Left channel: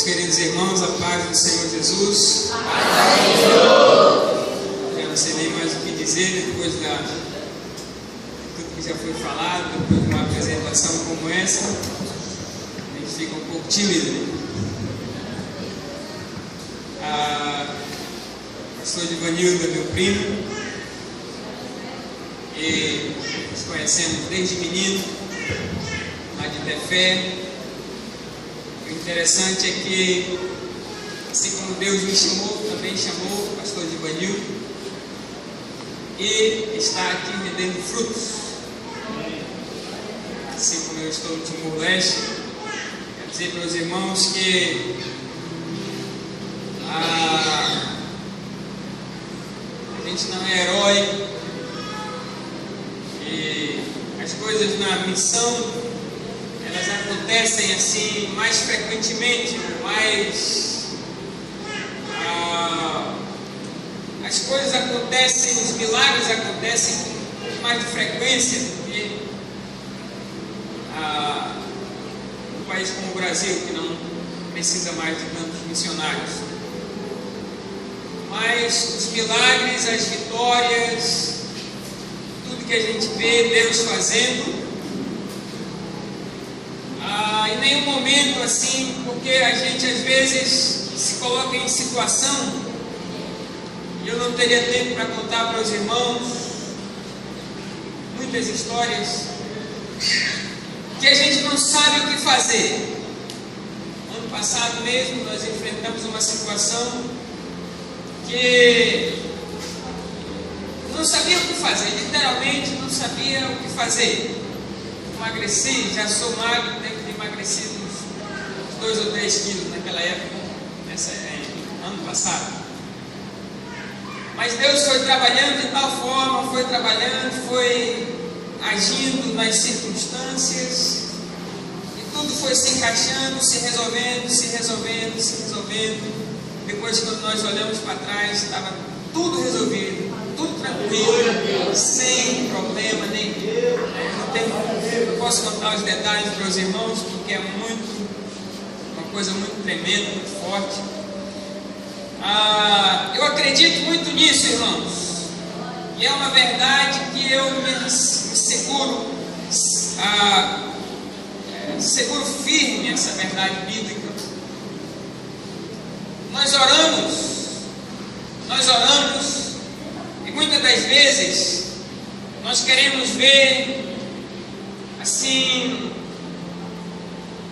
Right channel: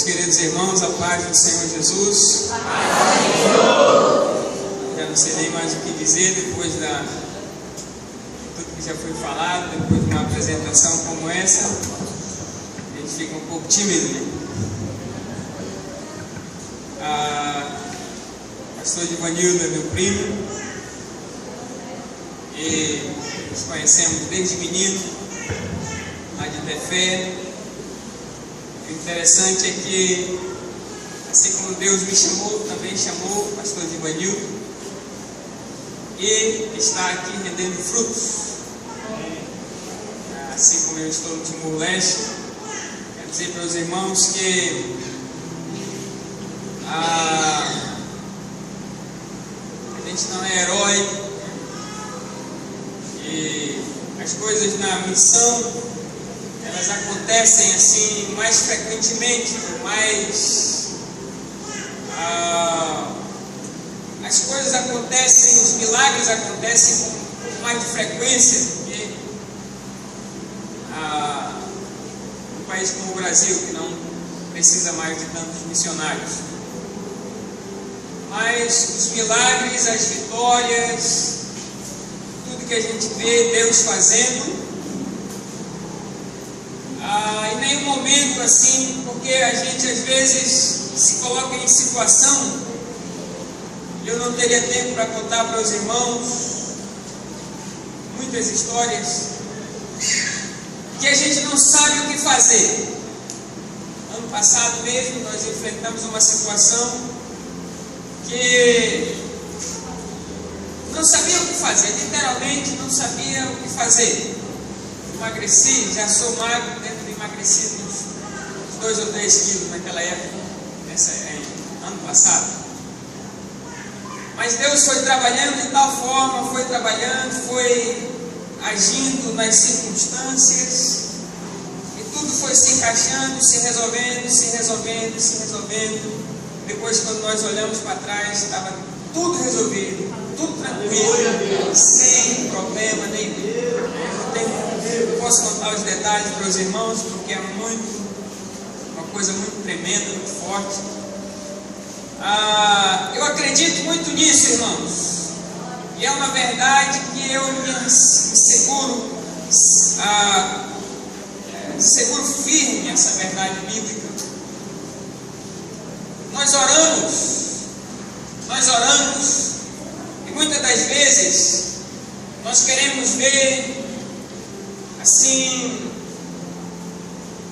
Meus queridos irmãos, a paz do Senhor Jesus. Já não sei nem mais o que dizer depois de tudo que já foi falado, depois de uma apresentação como essa. A gente fica um pouco tímido. O pastor Ivanildo é meu primo e nos conhecemos desde menino, lá de Tefé. O interessante é que, assim como Deus me chamou, também chamou o pastor Ivanildo e está aqui rendendo frutos. Assim como eu estou no Timor-Leste, quero dizer para os irmãos que a gente não é herói e as coisas na missão elas acontecem assim mais frequentemente, as coisas acontecem, os milagres acontecem com um pouco mais de frequência do que um país como o Brasil, que não precisa mais de tantos missionários. Mas os milagres, as vitórias, tudo que a gente vê Deus fazendo, em nenhum momento assim, porque a gente às vezes se coloca em situação, e eu não teria tempo para contar para os irmãos muitas histórias, que a gente não sabe o que fazer. Ano passado mesmo nós enfrentamos uma situação que não sabia o que fazer, literalmente não sabia o que fazer. Emagreci, já sou magro, devo ter emagrecido uns 2 ou 3 quilos naquela época, ano passado. Mas Deus foi trabalhando de tal forma, foi trabalhando, foi agindo nas circunstâncias, e tudo foi se encaixando, se resolvendo. Depois, quando nós olhamos para trás, estava tudo resolvido, tudo tranquilo, sem problema nenhum. Não posso contar os detalhes para os irmãos, porque é uma coisa muito tremenda, muito forte. Eu acredito muito nisso, irmãos, e é uma verdade que eu me seguro firme essa verdade bíblica. Nós oramos, e muitas das vezes nós queremos ver assim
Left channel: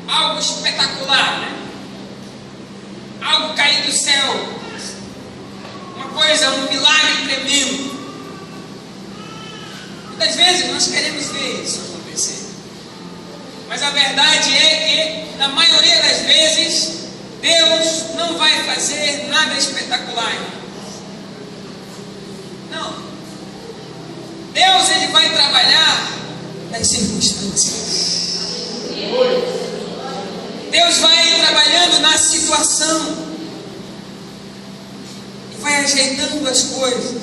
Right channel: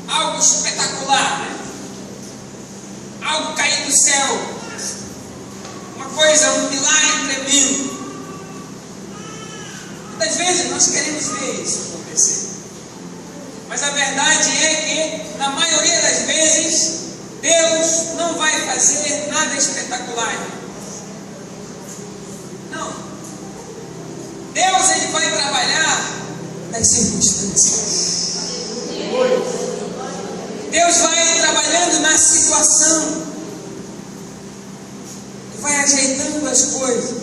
algo espetacular, né? Algo cair do céu, uma coisa, um milagre tremendo. Muitas vezes nós queremos ver isso acontecer, mas a verdade é que na maioria das vezes Deus não vai fazer nada espetacular. Não. Deus, ele vai trabalhar nas circunstâncias. Deus vai trabalhando na situação, e vai ajeitando as coisas,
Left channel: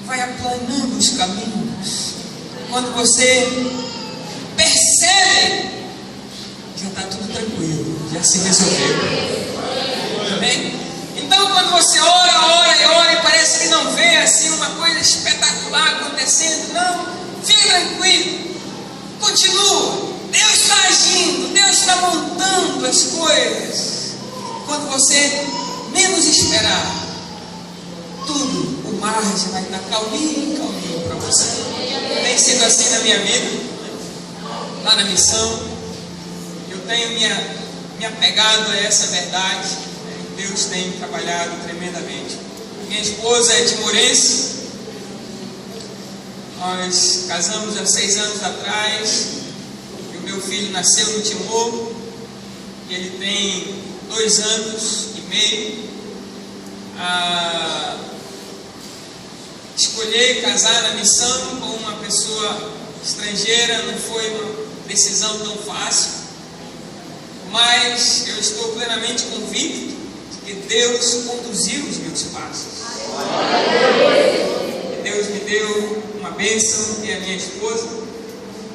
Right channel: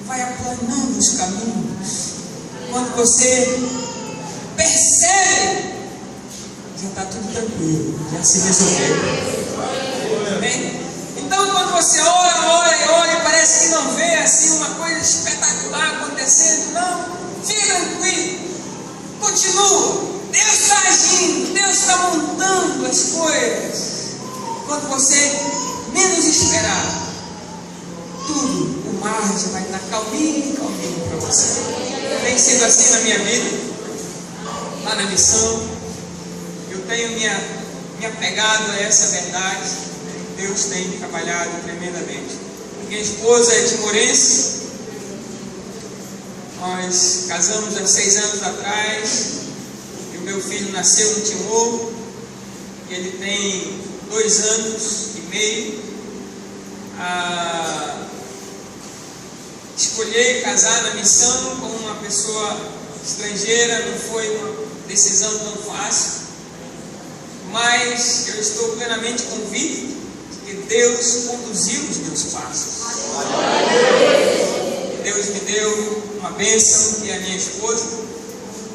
e vai aplanando os caminhos. Quando você percebe, já está tudo tranquilo, já se resolveu. Amém? Então, quando você ora e parece que não vê assim uma coisa espetacular acontecendo, não, fique tranquilo, continua. Deus está agindo, Deus está montando as coisas. Quando você menos esperar, tudo, o mar já vai estar calminho para você. Tem sido assim na minha vida, lá na missão. Eu tenho me apegado a essa verdade. Deus tem trabalhado tremendamente. Minha esposa é timorense. Nós casamos há 6 anos atrás. E o meu filho nasceu no Timor. Ele tem 2 anos e meio. Escolher casar na missão com uma pessoa estrangeira não foi uma decisão tão fácil, mas eu estou plenamente convicto que Deus conduziu os meus passos. E Deus me deu uma bênção, que é a minha esposa.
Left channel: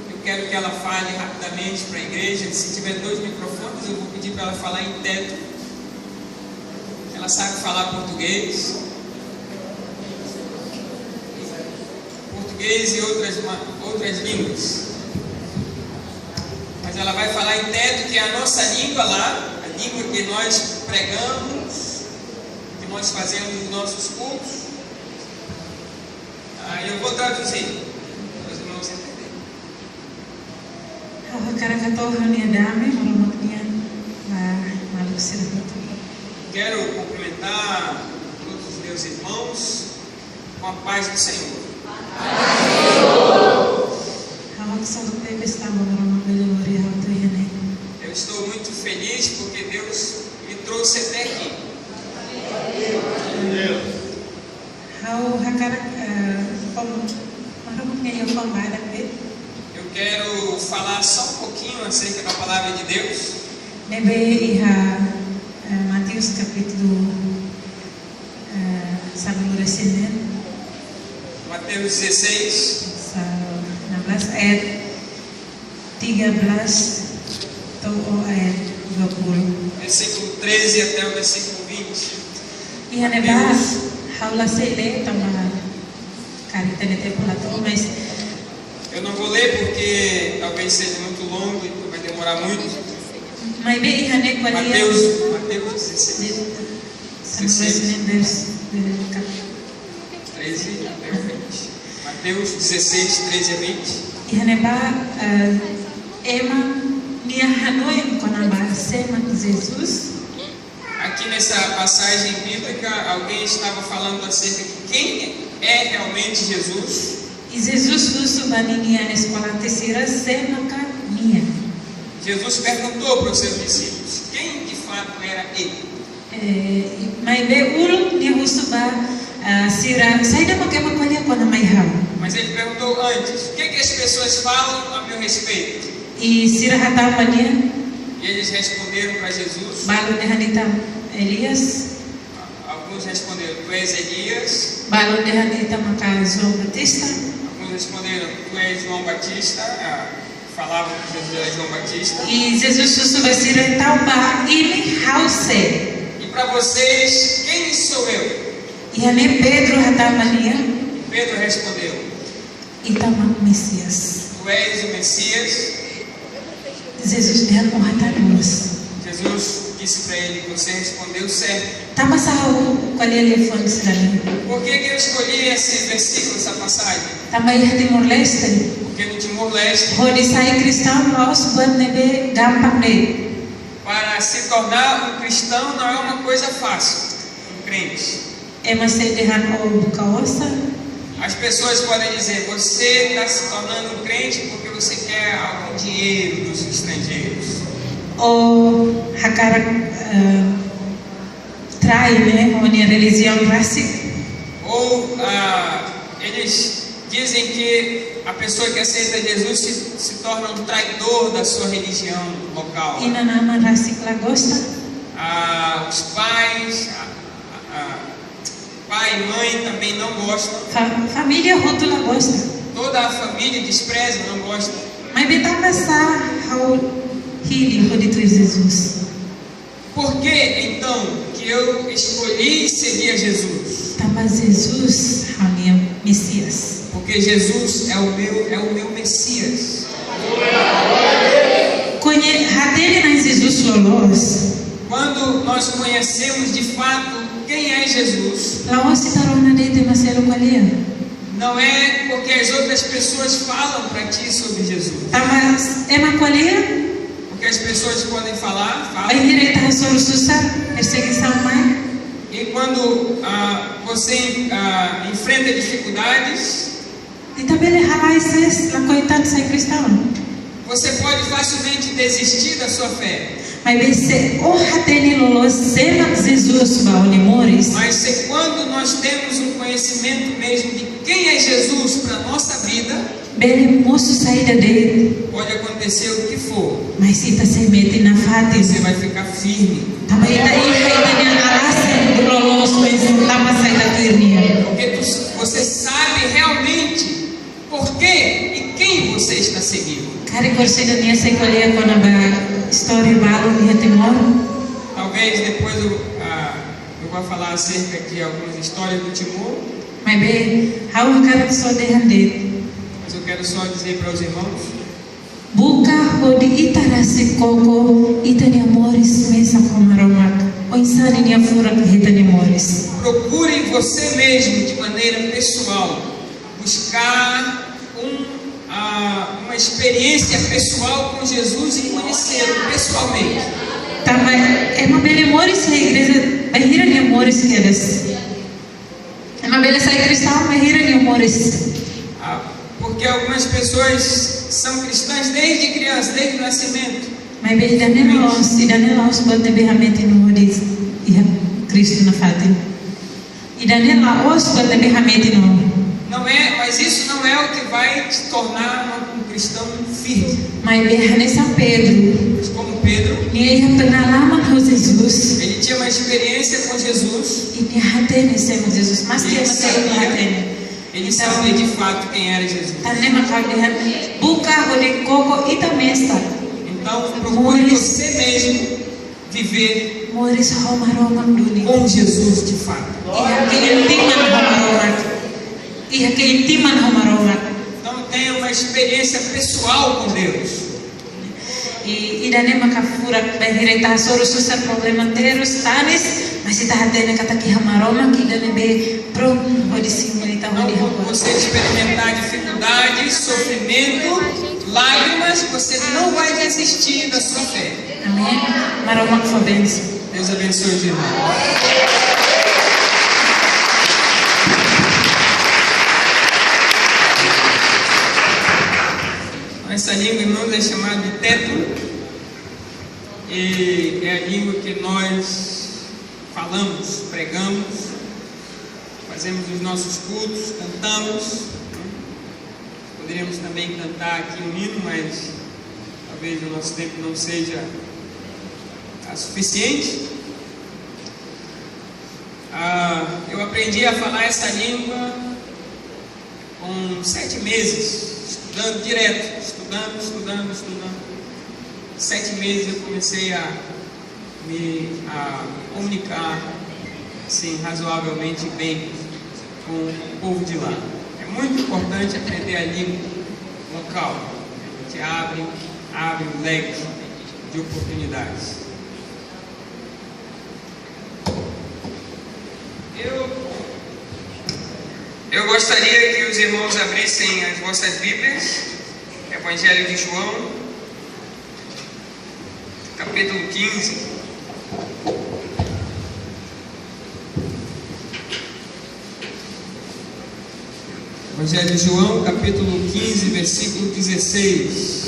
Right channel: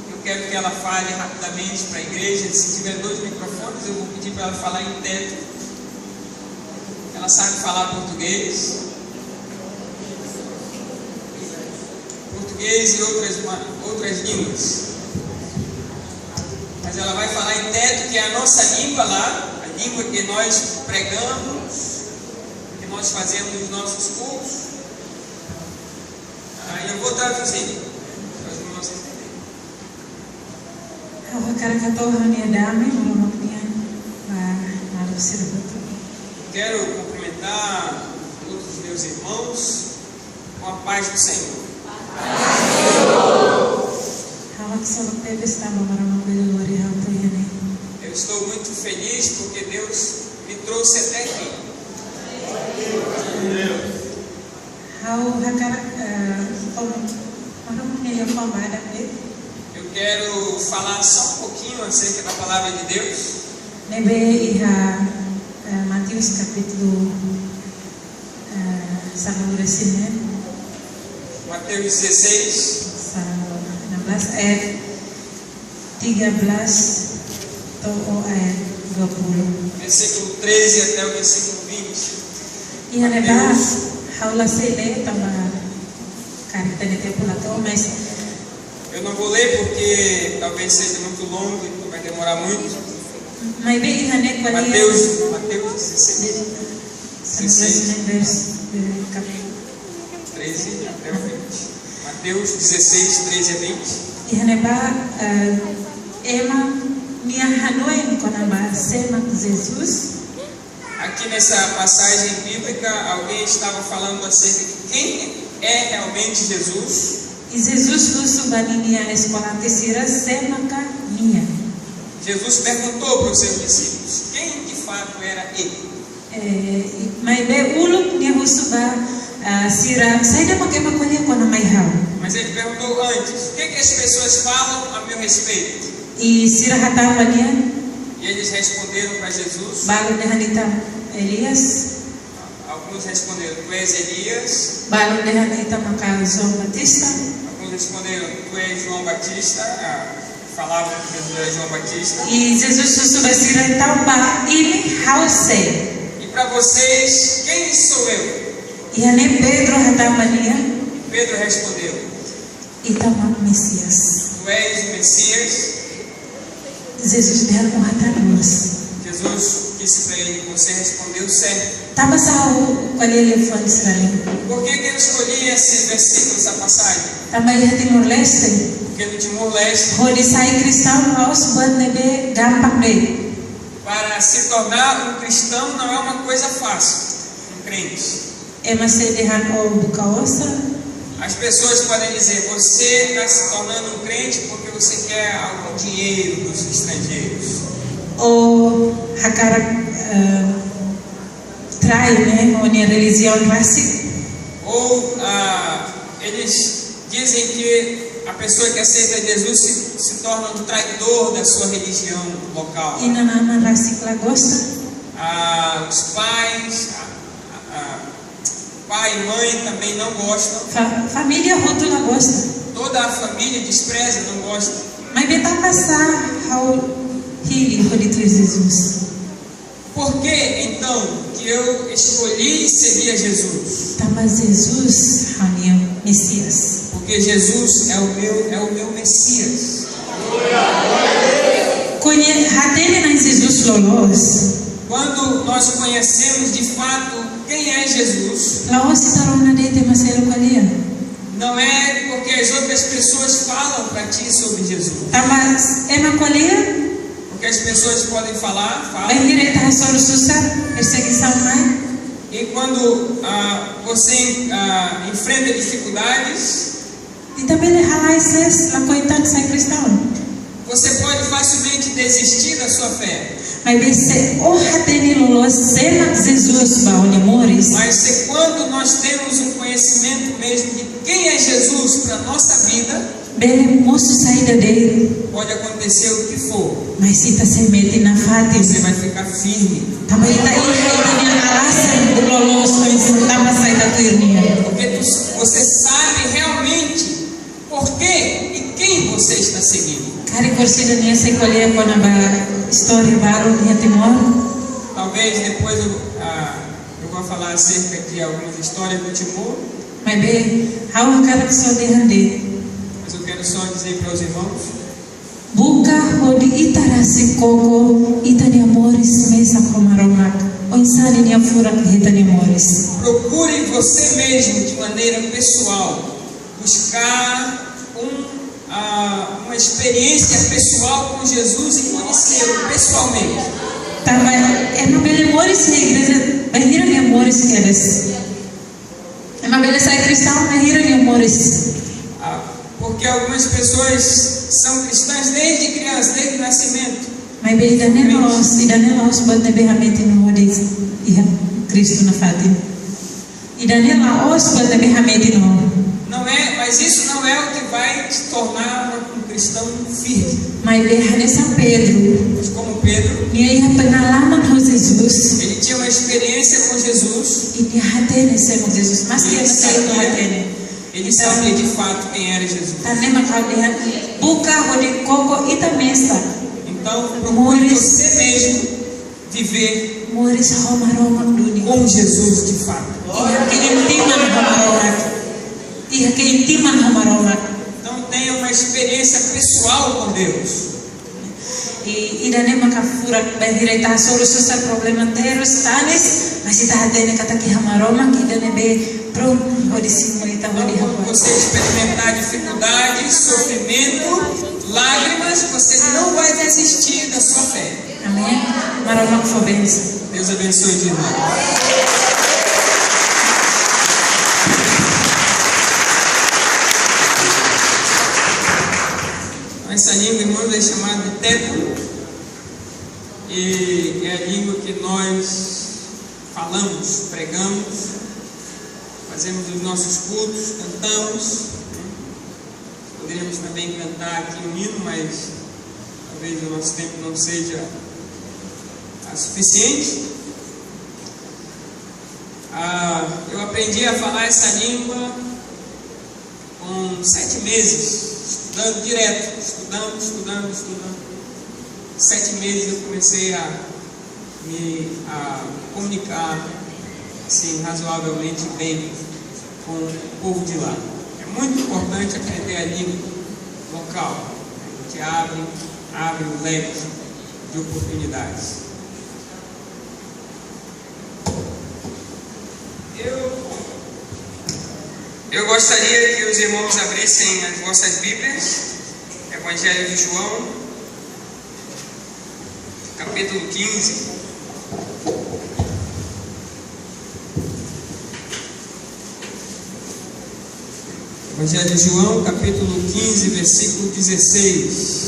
Eu quero que ela fale rapidamente para a igreja. Se tiver 2 microfones, eu vou pedir para ela falar em teto. ela sabe falar português e outras línguas. Mas ela vai falar em teto, que é a nossa língua lá, a língua que nós pregamos, que nós fazemos nos nossos cultos. Eu vou traduzir para os irmãos entenderem. Quero cumprimentar todos os meus irmãos com a paz do Senhor. Eu estou muito feliz porque Deus me trouxe até aqui. Eu quero falar só um pouquinho acerca da palavra de Deus. Mateus capítulo Mateus 16. 16 ayat 13 atau ayat 20. Versículo 13 até o versículo 20. Ia neba haula sele tambah carita nete pulato, mas eu não vou ler porque talvez seja muito longo e vai demorar muito. Mas bem ihane qualia Mateus 16. 16 13 até o 20. Mateus 16, 13 a 20. Ihaneba ema nia hanoem konamba sema Jesus. Aqui nessa passagem bíblica, alguém estava falando acerca de quem é realmente Jesus. E Jesus lusu baninia na escola terceira sema ka nia. Jesus perguntou para os seus discípulos quem de fato era ele. Mas be uluk ni husuba sira saida makema kolia kona mai hau. Mas ele perguntou antes, o que as pessoas falam a meu respeito? E sira hatamba nia. E eles responderam para Jesus. Balu dehanita Elias. Alguns responderam, tu és Elias. Balu dehanita maka João Batista. Alguns responderam, tu és João Batista. Falavam que Jesus era João Batista. E Jesus susuba sira tamba ini hause. E para vocês, quem sou eu? E ane Pedro hatamba nia. Pedro respondeu, Itama Messias. tu és o Messias. Jesus dia com hatanos. Jesus disse para ele, você respondeu certo. Tama sao qual é o telefone sirali? Por que eu escolhi esse versículo, essa passagem? Tama ia Timor Leste. Porque no Timor-Leste, Hodi sai cristão aos buat nebe gampang de. para se tornar um cristão não é uma coisa fácil, um crente. Ema se dehan o bukaosa. As pessoas podem dizer, você está se tornando um crente porque você quer algum dinheiro dos estrangeiros. Ou hakara trai, né? Ou a religião racial. Ou eles dizem que a pessoa que aceita Jesus se torna um traidor da sua religião local. Ina nama racial gosta. Os pais, pai e mãe também não gostam. Família rótula gosta. Toda a família despreza, não gosta. Mas beta passar ao healing por de Jesus. Por que então que eu escolhi seguir a Jesus? Mas Jesus é o meu Messias. Porque Jesus é o meu Messias. Quando nós conhecemos de fato quem é Jesus, não é porque as outras pessoas falam para ti sobre Jesus. Porque as pessoas podem falam. E quando você enfrenta dificuldades, você pode facilmente desistir da sua fé. Mas se quando nós temos um conhecimento mesmo de quem é Jesus para a nossa vida, pode acontecer o que for, você vai ficar firme. Porque você sabe realmente por que e quem você está seguindo. Talvez depois do vou falar acerca de algumas histórias do Timor, Mas bem, how hakarak só derrande. mas eu quero só dizer para os irmãos: Buka hodi itarasi koko itani amores mesa komaromak. O insani ni afura hitani amores. procure você mesmo, de maneira pessoal, buscar uma experiência pessoal com Jesus e conhecê-lo pessoalmente. Tama é uma bela amores na igreja, bahira ni amores que eres. É uma bela sai cristão, bahira ni amores. Porque algumas pessoas são cristãs desde criança, desde o nascimento. Mas bem, idane los bote behamete no hodis, iha Cristo na fatin. Idane los bote behamete no. Não é, mas isso não é o que vai te tornar um cristão firme. Mas bem, São Pedro, Mas como Pedro, ni iha pengalaman com Jesus. ele tinha uma experiência com Jesus. E ni hatene sema Jesus, mas que Ele matei sabia, hatene. ele sabia de fato quem era Jesus. Tane makau dehan buka hodi koko ita mesta. Então, procure você mesmo viver Moris homaromak dunia. com Jesus de fato. Iha keintiman homaromak. Iha keintiman homaromak. Então, tenha uma experiência pessoal com Deus. E idane makafurak bahira ita soro susar problema teros tanes, mas ita hatene kata ki hamaromak idane be prum hodi similita Então, hodi quando hamaromak. você experimentar dificuldade, sofrimento, lágrimas, você não vai desistir da sua fé. Amém. Maromak for benção. Deus abençoe os irmãos. Essa língua, irmãos, é chamada teto, e é a língua que nós falamos, pregamos, fazemos os nossos cultos, cantamos. Poderíamos também cantar aqui um hino, mas talvez o nosso tempo não seja suficiente. Eu aprendi a falar essa língua com 7 meses, estudando direto, estudando. 7 meses eu comecei a me comunicar assim, razoavelmente bem com o povo de lá. É muito importante aprender a língua local, que abre um leque de oportunidades. Eu gostaria que os irmãos abrissem as vossas Bíblias, Evangelho de João, capítulo 15. Evangelho de João, capítulo 15, versículo 16.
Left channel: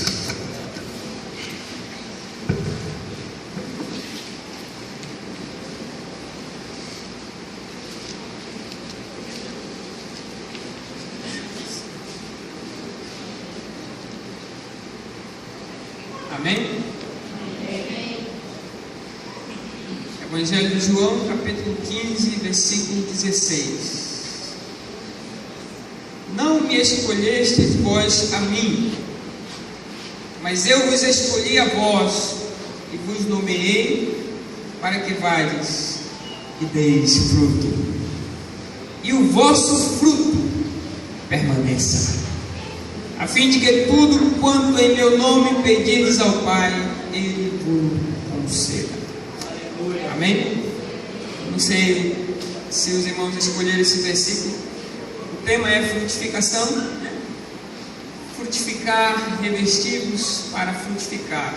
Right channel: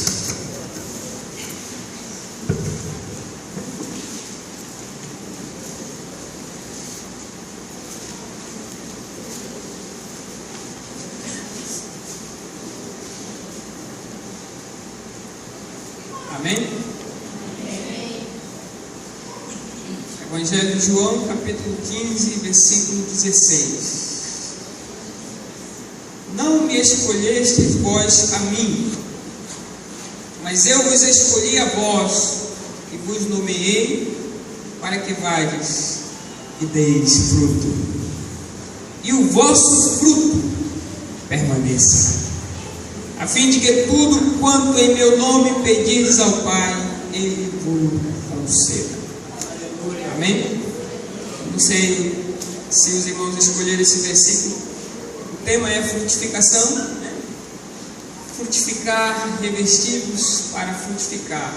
Amém? Evangelho de João, capítulo 15, versículo 16. Não me escolhestes vós a mim, mas eu vos escolhi a vós, e vos nomeei para que vades e deis fruto, e o vosso fruto permaneça, a fim de que tudo quanto em meu nome pedirdes ao Pai, Ele vos conceda. Amém? Não sei se os irmãos escolheram esse versículo. O tema é frutificação, né? Frutificar, revestir-vos para frutificar.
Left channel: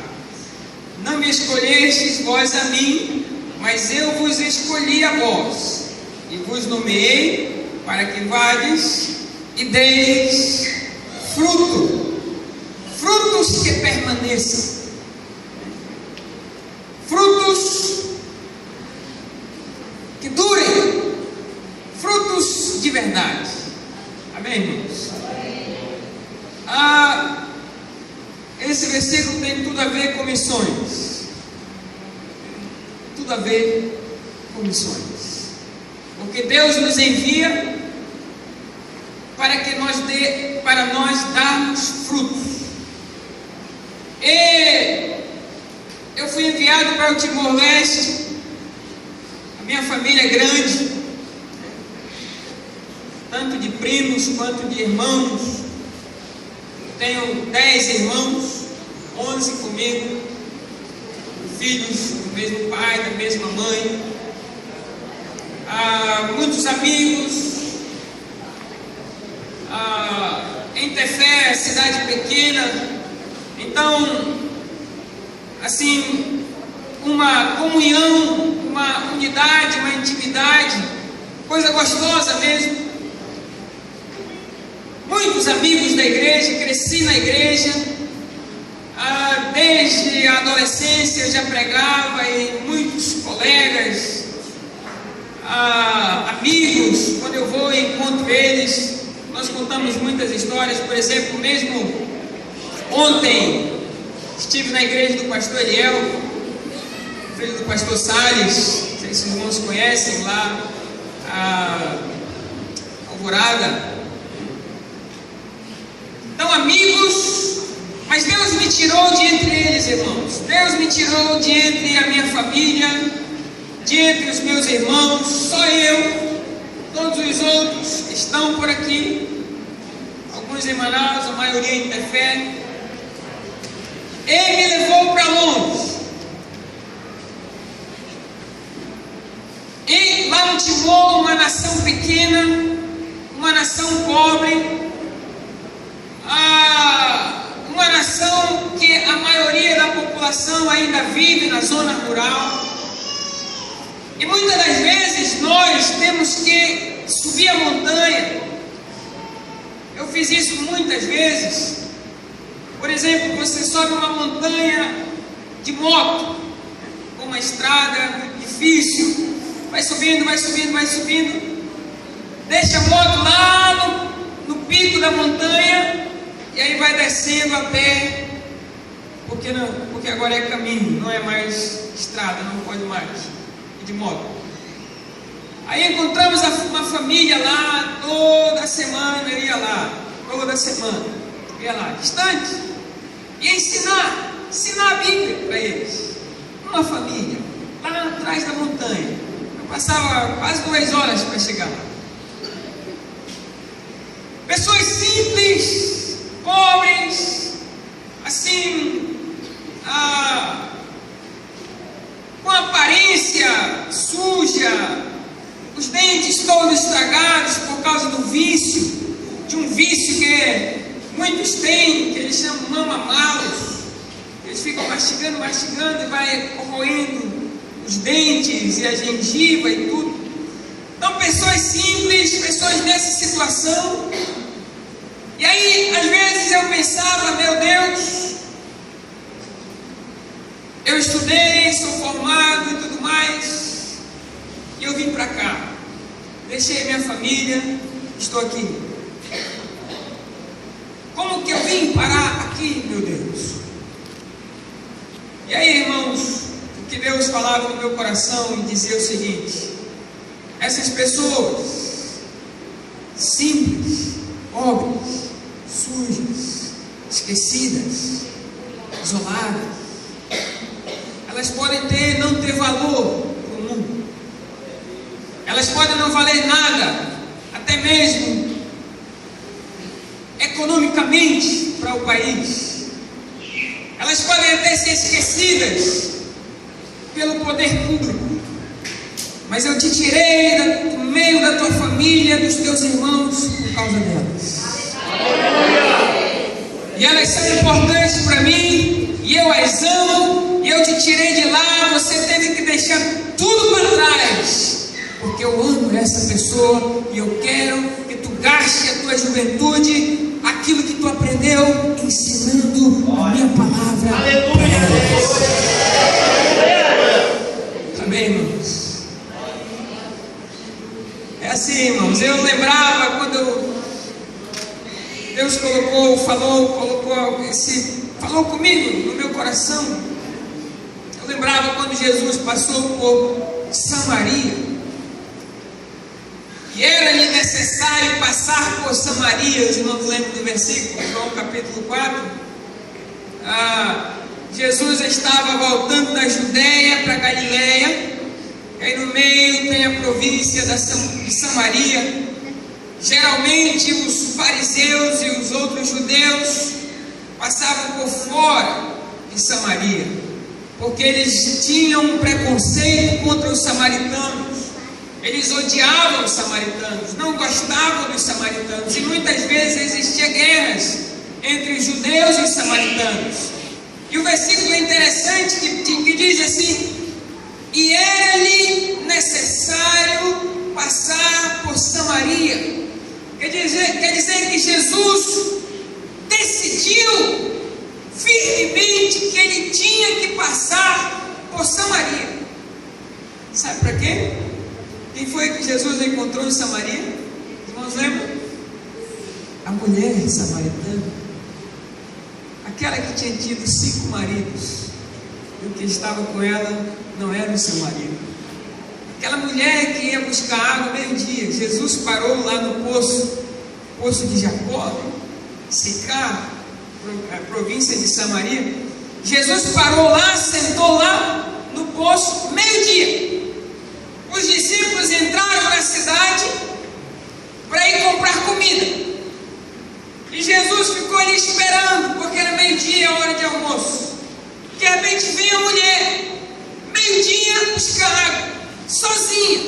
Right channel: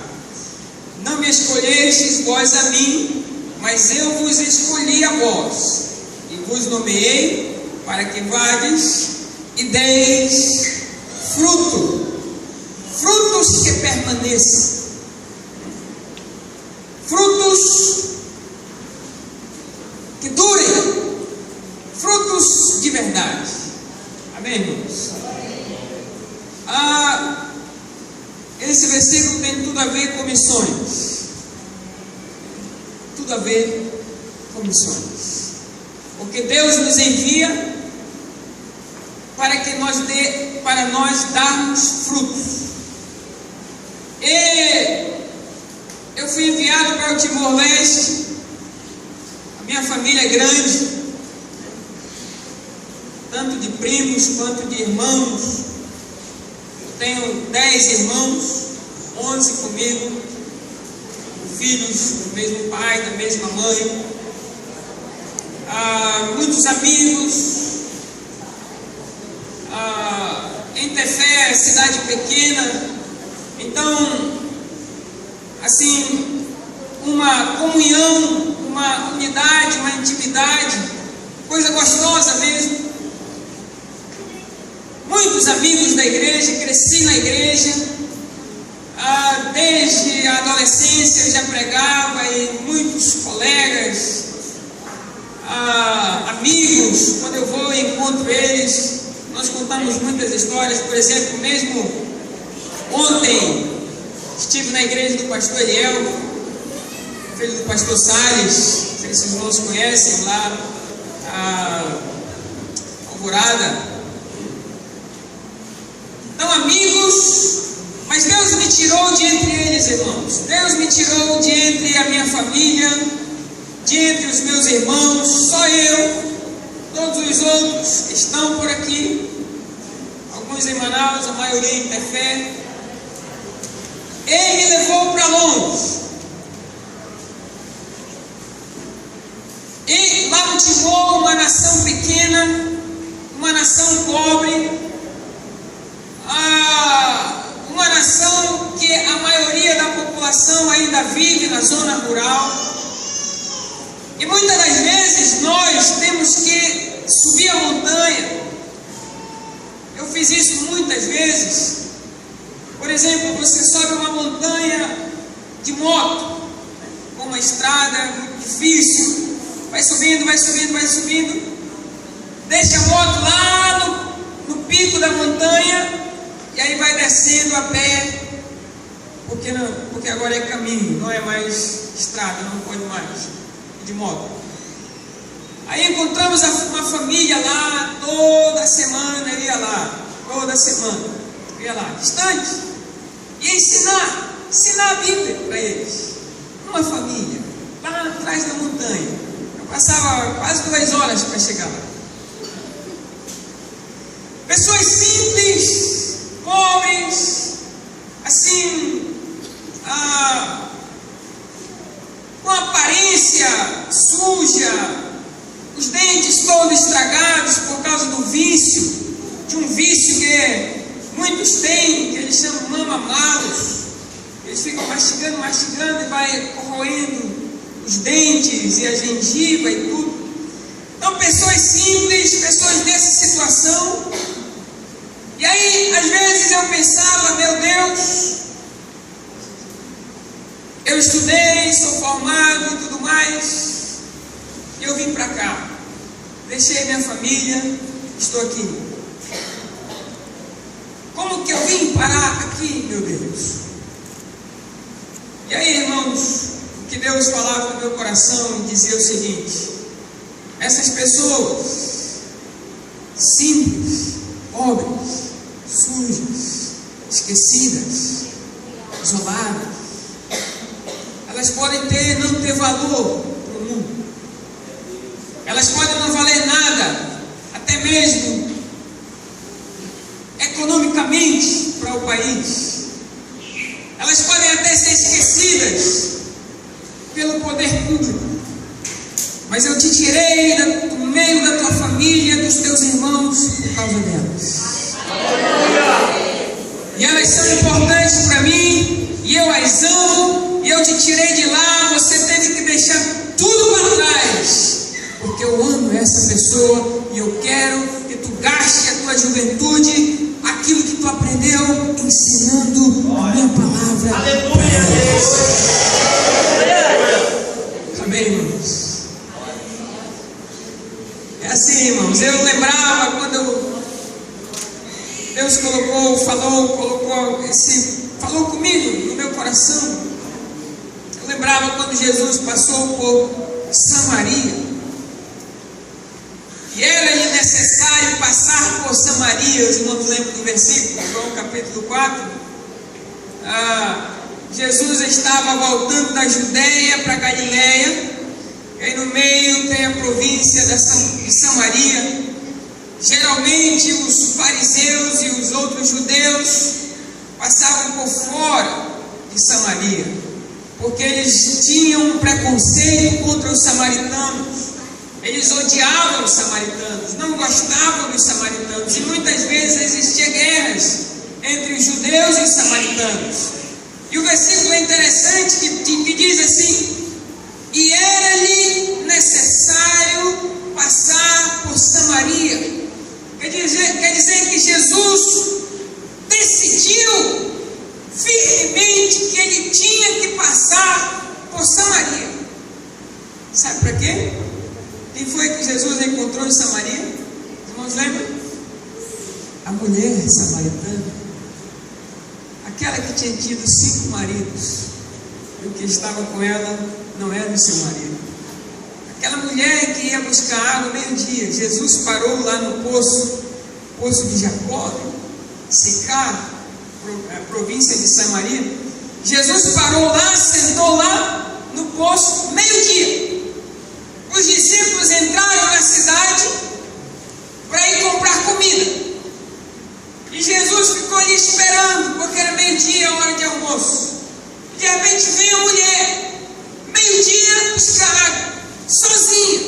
Não me escolhestes vós a mim, mas eu vos escolhi a vós, e vos nomeei para que vades e deis frutos que permaneçam, frutos que durem, frutos de verdade. Amém, irmãos? Esse versículo tem tudo a ver com missões. Tudo a ver com missões. Porque Deus nos envia para nós darmos frutos. E eu fui enviado para o Timor-Leste. A minha família é grande, tanto de primos quanto de irmãos. Tenho 10 irmãos, 11 comigo, filhos do mesmo pai, da mesma mãe, muitos amigos. Em Tefé, cidade pequena, então, assim, uma comunhão, uma unidade, uma intimidade, coisa gostosa mesmo. Muitos amigos da igreja, cresci na igreja, desde a adolescência eu já pregava, e muitos colegas, amigos, quando eu vou e encontro eles, nós contamos muitas histórias. Por exemplo, mesmo ontem estive na igreja do pastor Eliel, filho do pastor Salles, não sei se os irmãos conhecem, lá Alvorada. Então, amigos, mas Deus me tirou de entre eles, irmãos. Deus me tirou de entre a minha família, de entre os meus irmãos. Só eu, todos os outros estão por aqui, alguns em Manaus, a maioria em Tefé. Ele me levou para longe. E lá no Timor, uma nação pequena, uma nação pobre, uma nação que a maioria da população ainda vive na zona rural. E muitas das vezes nós temos que subir a montanha. Eu fiz isso muitas vezes. Por exemplo, você sobe uma montanha de moto, com uma estrada muito difícil, vai subindo, vai subindo, vai subindo, deixa a moto lá no pico da montanha, e aí vai descendo a pé, porque agora é caminho, não é mais estrada, não pode mais de moto. Aí encontramos uma família lá, toda semana eu ia lá, distante, e ensinar a Bíblia para eles, uma família, lá atrás da montanha. Eu passava quase 2 horas para chegar lá. Pessoas simples, pobres, assim, com aparência suja, os dentes todos estragados por causa do vício, de um vício que muitos têm, que eles chamam mama-malos. Eles ficam mastigando e vai corroendo os dentes e a gengiva e tudo. Então, pessoas simples, pessoas nessa situação. E aí, às vezes eu pensava, meu Deus, eu estudei, sou formado e tudo mais, e eu vim para cá, deixei minha família, estou aqui. Como que eu vim parar aqui, meu Deus? E aí, irmãos, o que Deus falava no meu coração e dizia o seguinte: essas pessoas simples, pobres, sujas, esquecidas, isoladas, elas podem não ter valor no mundo, elas podem não valer nada, até mesmo economicamente para o país, elas podem até ser esquecidas pelo poder público, mas eu te tirei do meio da tua família, dos teus irmãos, por causa delas. E elas são importantes para mim, e eu as amo, e eu te tirei de lá. Você teve que deixar tudo para trás, porque eu amo essa pessoa, e eu quero que tu gaste a tua juventude, aquilo que tu aprendeu, ensinando a minha palavra para elas. Amém, irmãos? É assim, irmãos. Eu lembrava quando Deus falou comigo no meu coração. Eu lembrava quando Jesus passou por Samaria, e era-lhe necessário passar por Samaria. Os irmãos lembram do versículo, João capítulo 4. Jesus estava voltando da Judéia para Galiléia, E aí no meio tem a província de Samaria. Geralmente os fariseus e os outros judeus passavam por fora de Samaria, porque eles tinham um preconceito contra os samaritanos. Eles odiavam os samaritanos, não gostavam dos samaritanos, e muitas vezes existiam guerras entre os judeus e os samaritanos. E o versículo é interessante que diz assim: e era-lhe necessário passar por Samaria. Quer dizer que Jesus decidiu firmemente que ele tinha que passar por Samaria. Sabe para quê? Quem foi que Jesus encontrou em Samaria? Os irmãos lembram? A mulher samaritana, aquela que tinha tido 5 maridos, e o que estava com ela não era o seu marido. Aquela mulher que ia buscar água meio-dia. Jesus parou lá no poço de Jacó, Sicar, a província de Samaria. Jesus parou lá, sentou lá no poço, meio-dia. Os discípulos entraram na cidade para ir comprar comida. E Jesus ficou ali esperando, porque era meio-dia, hora de almoço. De repente veio a mulher, meio-dia, buscar água, sozinha.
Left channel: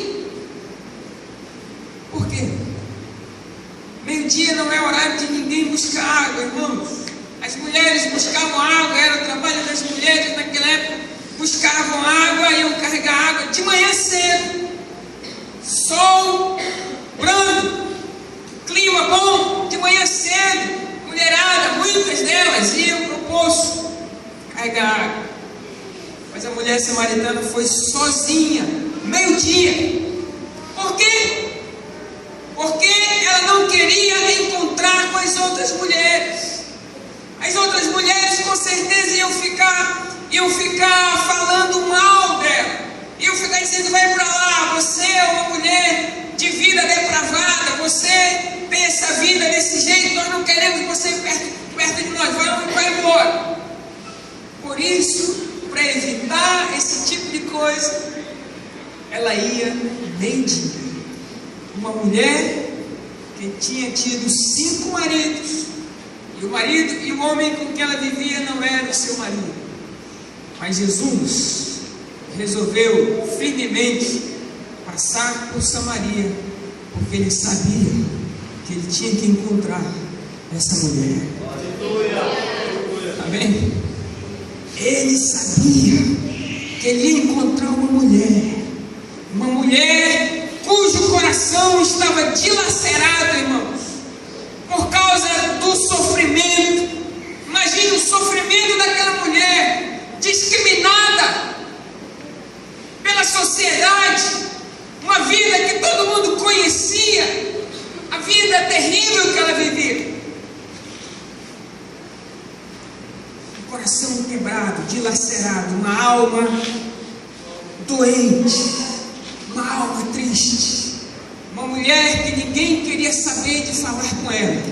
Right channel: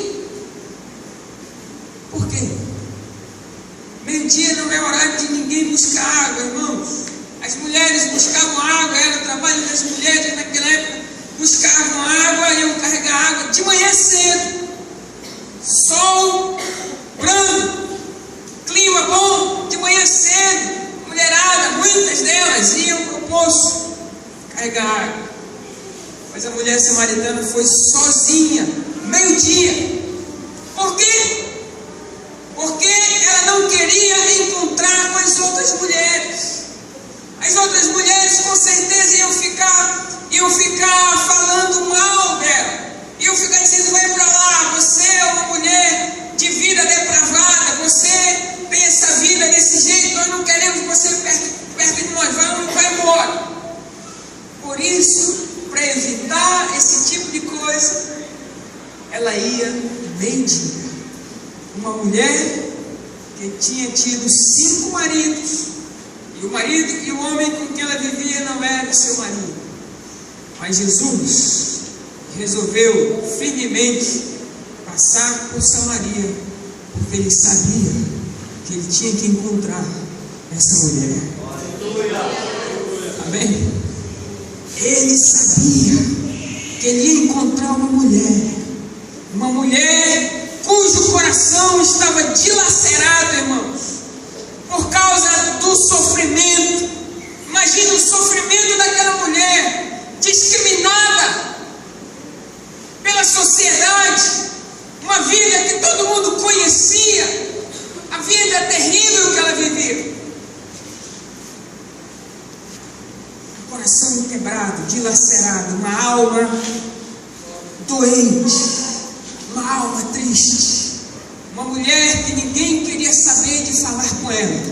Por quê? Meio-dia não é horário de ninguém buscar água, irmãos. As mulheres buscavam água, era o trabalho das mulheres naquela época. Buscavam água, iam carregar água de manhã cedo. Sol brando, clima bom, de manhã cedo. Mulherada, muitas delas iam para o poço carregar água. Mas a mulher samaritana foi sozinha, meio-dia. Por quê? Porque ela não queria encontrar com as outras mulheres. As outras mulheres com certeza iam ficar falando mal dela. Iam ficar dizendo: vai para lá, você é uma mulher de vida depravada, você tem essa vida desse jeito, nós não queremos você perto de nós, vai embora. Por isso, para evitar esse tipo de coisa, ela ia meio-dia. Uma mulher que tinha tido 5 maridos, e o marido e o homem com quem ela vivia não era o seu marido. Mas Jesus resolveu firmemente passar por Samaria, porque ele sabia que ele tinha que encontrar essa mulher. Amém? Ele sabia que ele ia encontrar uma mulher cujo coração estava dilacerado, irmãos, por causa do sofrimento. Imagine o sofrimento daquela mulher, discriminada pela sociedade, uma vida que todo mundo conhecia, a vida terrível que ela vivia. Um coração quebrado, dilacerado, uma alma doente, uma alma triste, uma mulher que ninguém queria saber de falar com ela.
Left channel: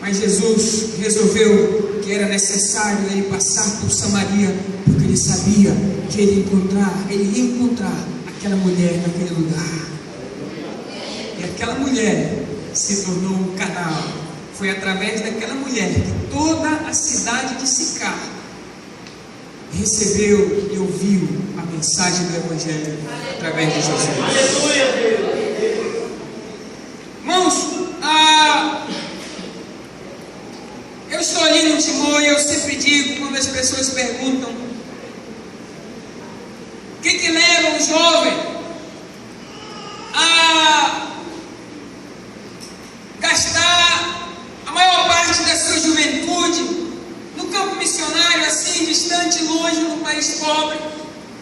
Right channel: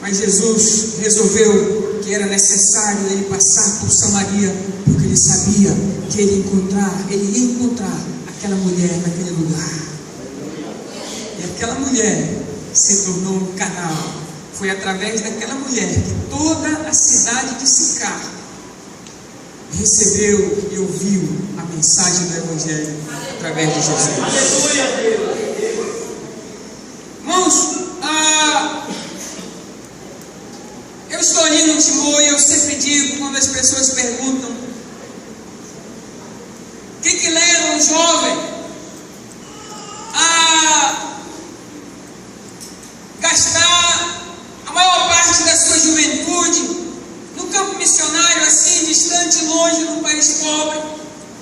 Mas Jesus resolveu que era necessário ele passar por Samaria, porque ele sabia que ele ia encontrar aquela mulher naquele lugar. E aquela mulher se tornou um canal. Foi através daquela mulher que toda a cidade de Sicar recebeu e ouviu a mensagem do Evangelho através de Jesus. Irmãos, eu estou ali no Timor e eu sempre digo, quando as pessoas perguntam o que leva um jovem a gastar a maior parte da sua juventude no campo missionário, assim, distante, longe, num país pobre,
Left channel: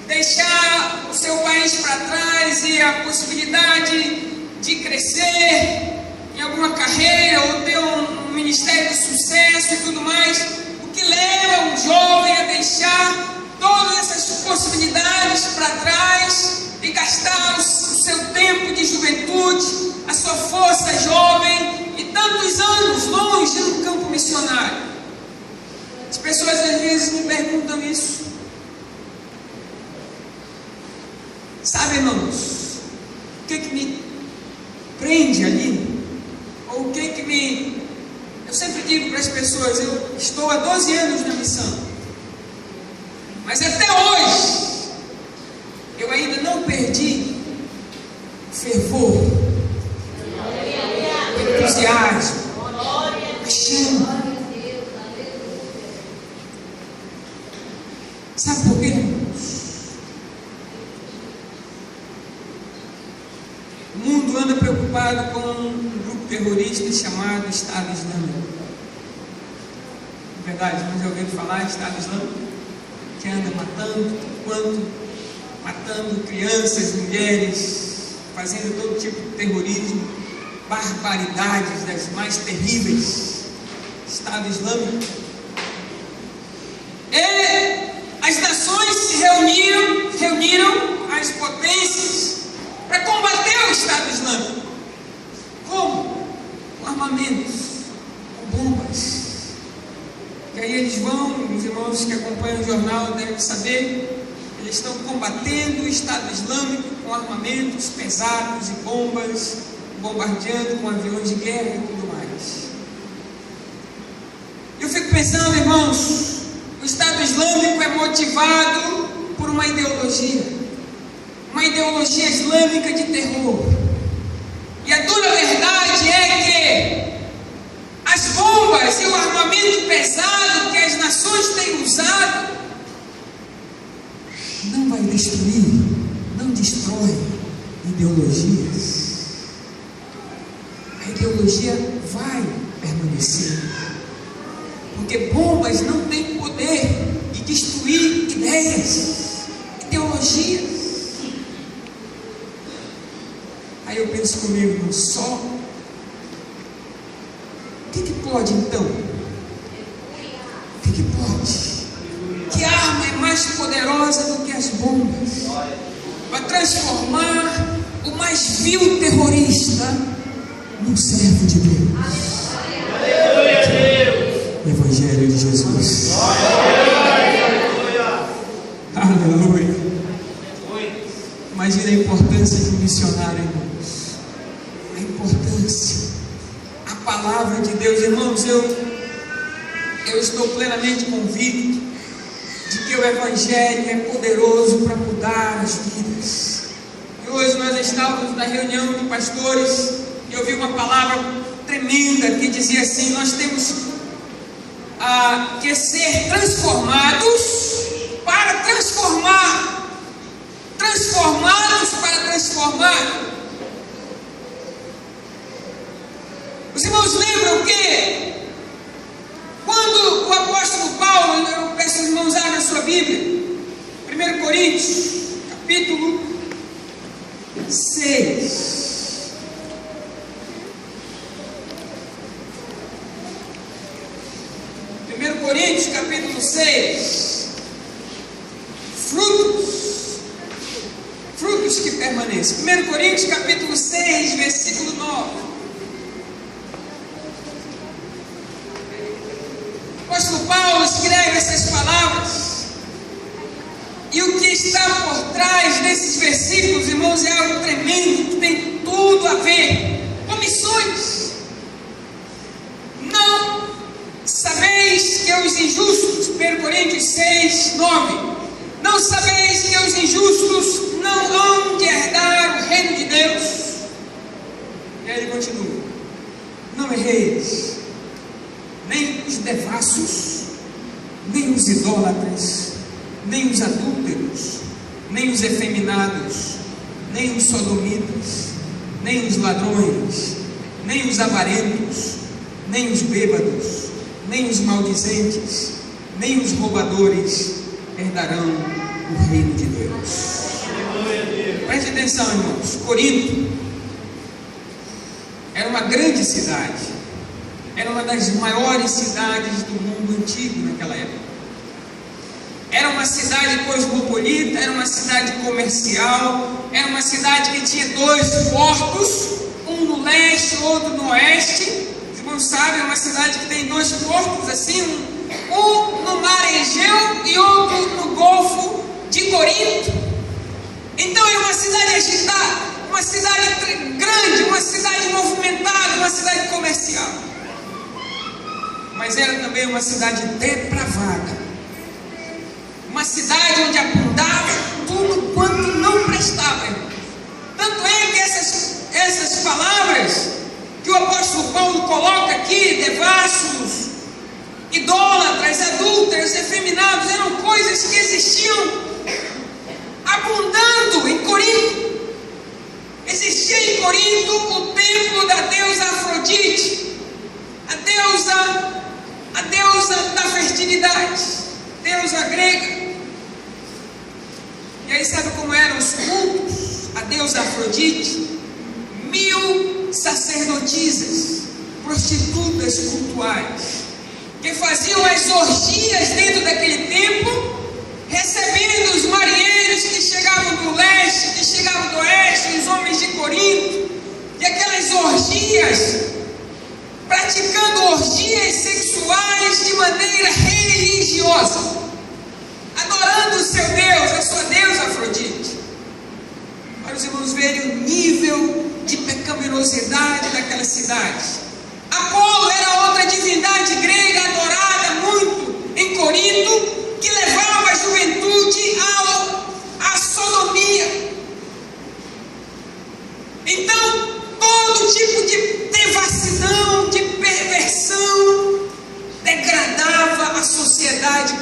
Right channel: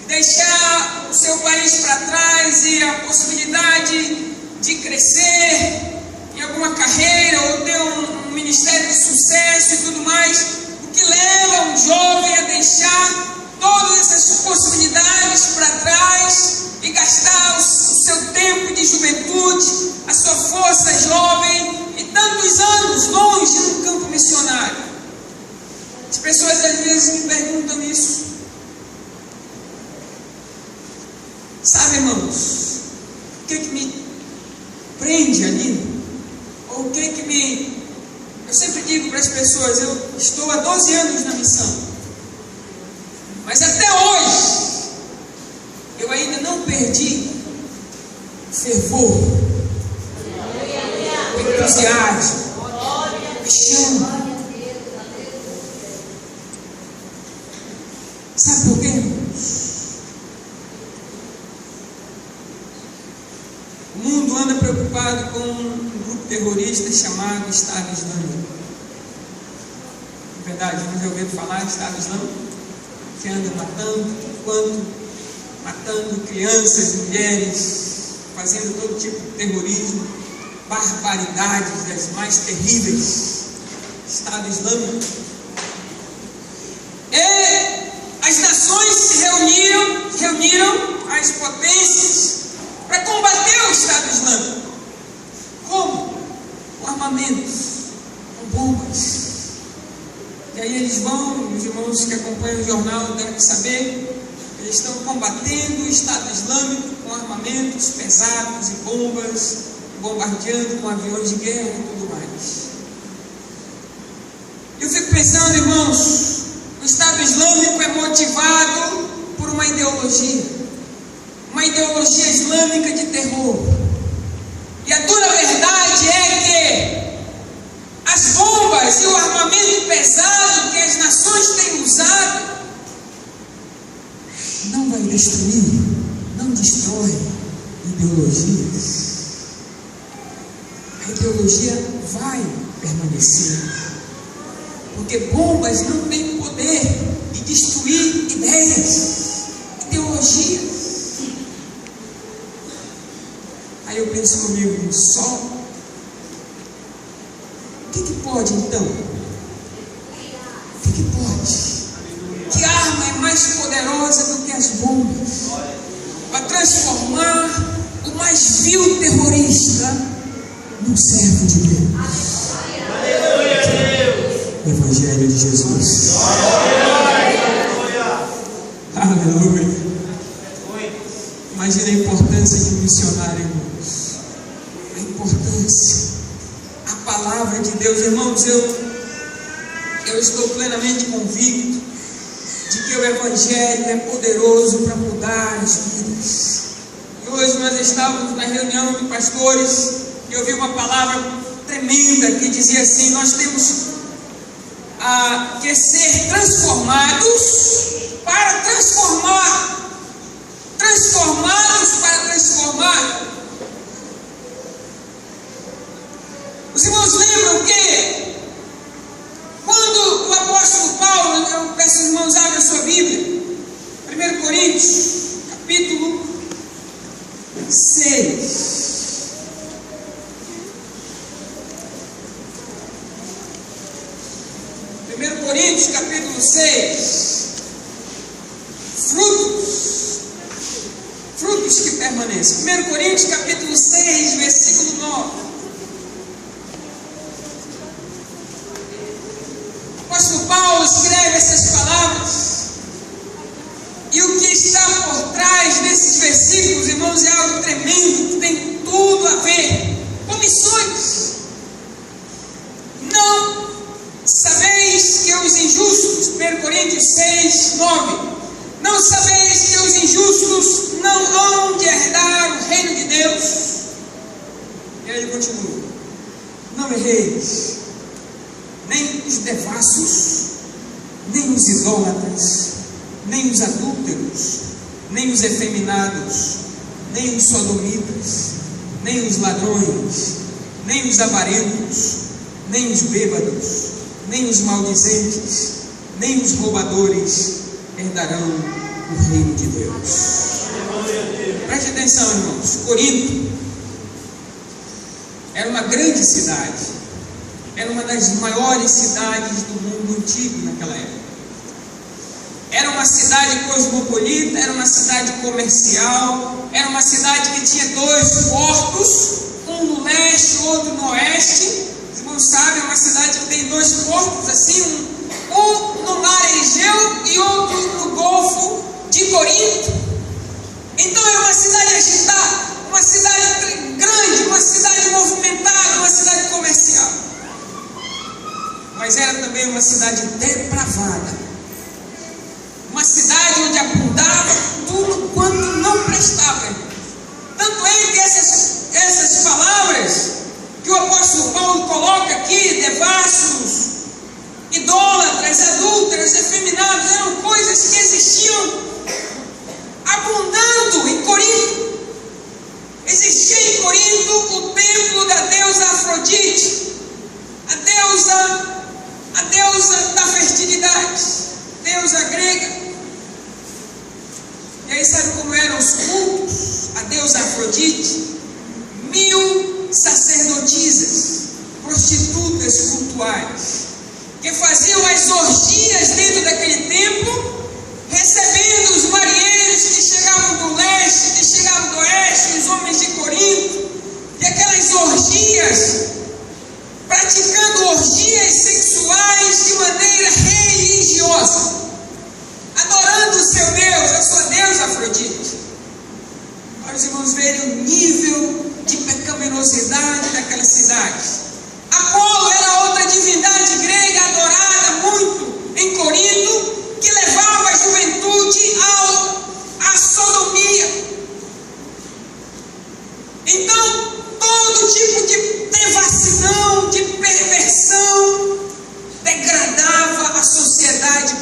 deixar o seu país para trás e a possibilidade de crescer em alguma carreira ou ter um ministério de sucesso e tudo mais. O que leva um jovem a deixar todas essas possibilidades para trás e gastar o seu tempo de juventude, a sua força jovem e tantos anos longe do campo missionário? As pessoas às vezes me perguntam isso. Sabe, irmão, pessoas, eu estou há 12 anos na missão, mas até hoje eu ainda não perdi o fervor, o entusiasmo, a paixão. Sabe por quê, irmãos? O mundo anda preocupado com um grupo terrorista chamado Estado Islâmico. Na verdade, vamos ouvir falar de Estado Islâmico, que anda matando crianças, mulheres, fazendo todo tipo de terrorismo, barbaridades das mais terríveis. Estado Islâmico. As nações se reuniram, as potências, para combater o Estado Islâmico. Como? Com armamentos, com bombas. E aí eles vão, os irmãos que acompanham o jornal devem saber, eles estão combatendo o Estado Islâmico com armamentos pesados e bombas, bombardeando com aviões de guerra e tudo mais. Eu fico pensando, irmãos, o Estado Islâmico é motivado por uma ideologia islâmica de terror. E a dura verdade é que as bombas e o armamento pesado que as nações têm usado não vai destruir, não destrói ideologias. A ideologia vai permanecer. Porque bombas não têm poder de destruir ideias, ideologias. Aí eu penso comigo, só o que pode então? O que pode? Que arma é mais poderosa do que as bombas para transformar o mais vil terrorista num servo de Deus? Evangelho de Jesus. Aleluia. Imagina a importância de um missionário, irmãos. A importância. A palavra de Deus, irmãos, eu estou plenamente convicto de que o Evangelho é poderoso para mudar as vidas. E hoje nós estávamos na reunião de pastores e eu ouvi uma palavra tremenda que dizia assim: nós temos que ser transformados para transformar. Transformados para transformar. Os irmãos lembram que quando o apóstolo Paulo, eu peço aos irmãos abram a sua Bíblia, 1 Coríntios, capítulo 6. 1 Coríntios, capítulo 6. Frutos que permanecem. 1 Coríntios, capítulo 6, versículo 9. O apóstolo Paulo escreve essas palavras. E o que está por trás desses versículos, irmãos, é algo tremendo, que tem tudo a ver com missões. Não sabeis que os injustos, 1 Coríntios 6, 9, não sabeis que os injustos não vão de herdar o reino de Deus? E aí ele continua: não erreis, nem os devassos, nem os idólatras, nem os adúlteros, nem os efeminados, nem os sodomitas, nem os ladrões, nem os avarentos, nem os bêbados, nem os maldizentes, nem os roubadores herdarão o reino de Deus. Preste atenção, irmãos. Corinto era uma grande cidade, era uma das maiores cidades do mundo antigo naquela época. Era uma cidade cosmopolita, era uma cidade comercial, era uma cidade que tinha 2 portos, um no leste, outro no oeste. Os irmãos sabem, é uma cidade que tem 2 portos assim, um no mar Egeu e outro no Golfo de Corinto. Então é uma cidade agitada, uma cidade grande, uma cidade movimentada, uma cidade comercial. mas era também uma cidade depravada, uma cidade onde abundava tudo quanto não prestava. Tanto é que essas palavras que o apóstolo Paulo coloca aqui, devassos, idólatras, adúlteros, efeminados, eram coisas que existiam abundando em Corinto. Existia em Corinto o templo da deusa Afrodite, a deusa da fertilidade, deusa grega. E aí sabe como eram os cultos? A deusa Afrodite, 1000 sacerdotisas, prostitutas cultuais, que faziam as orgias dentro daquele templo, recebendo os marinheiros que chegavam do leste, que chegavam do oeste, os homens de Corinto, e aquelas orgias, praticando orgias sexuais de maneira religiosa, adorando o seu Deus, a sua deusa Afrodite. Para os irmãos verem o nível de pecaminosidade daquela cidade. Apolo era outra divindade grega adorada muito em Corinto, que levava a juventude à sodomia. Então, todo tipo de devassidão, de perversão, degradava a sociedade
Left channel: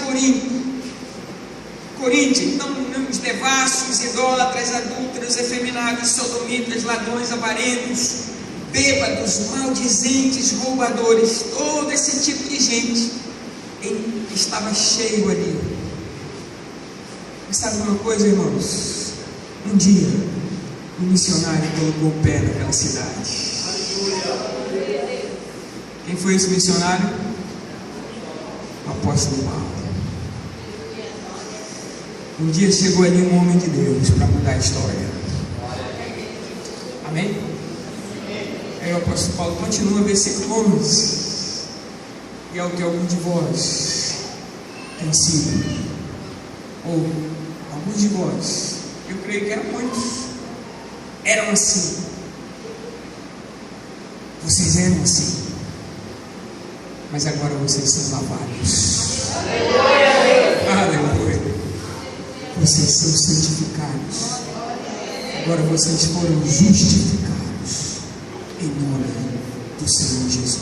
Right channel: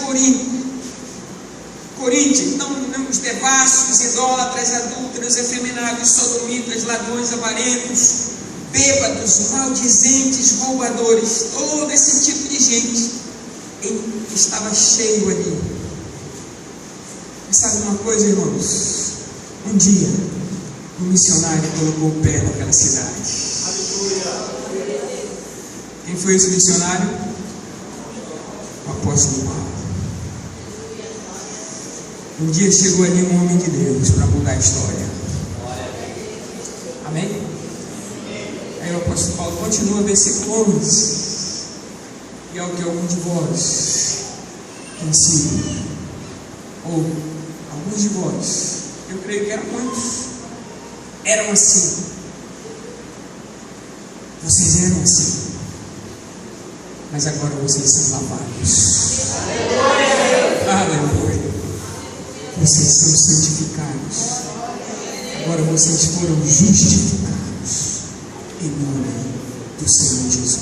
coríntia. Então, os devassos, idólatras, adúlteros, efeminados, sodomitas, ladrões, avarentos, bêbados, maldizentes, roubadores, todo esse tipo de gente estava cheio ali. E sabe uma coisa, irmãos? Um dia, um missionário colocou o pé naquela cidade. Quem foi esse missionário? O apóstolo Paulo. Um dia chegou ali um homem de Deus para mudar a história. Amém? Aí o apóstolo Paulo continua, versículo 11. E ao que algum de vós tem sido, ou alguns de vós, eu creio que eram muitos, eram assim. Vocês eram assim, mas agora vocês são lavados. Aleluia. Vocês são santificados. Agora vocês foram justificados em nome do Senhor Jesus.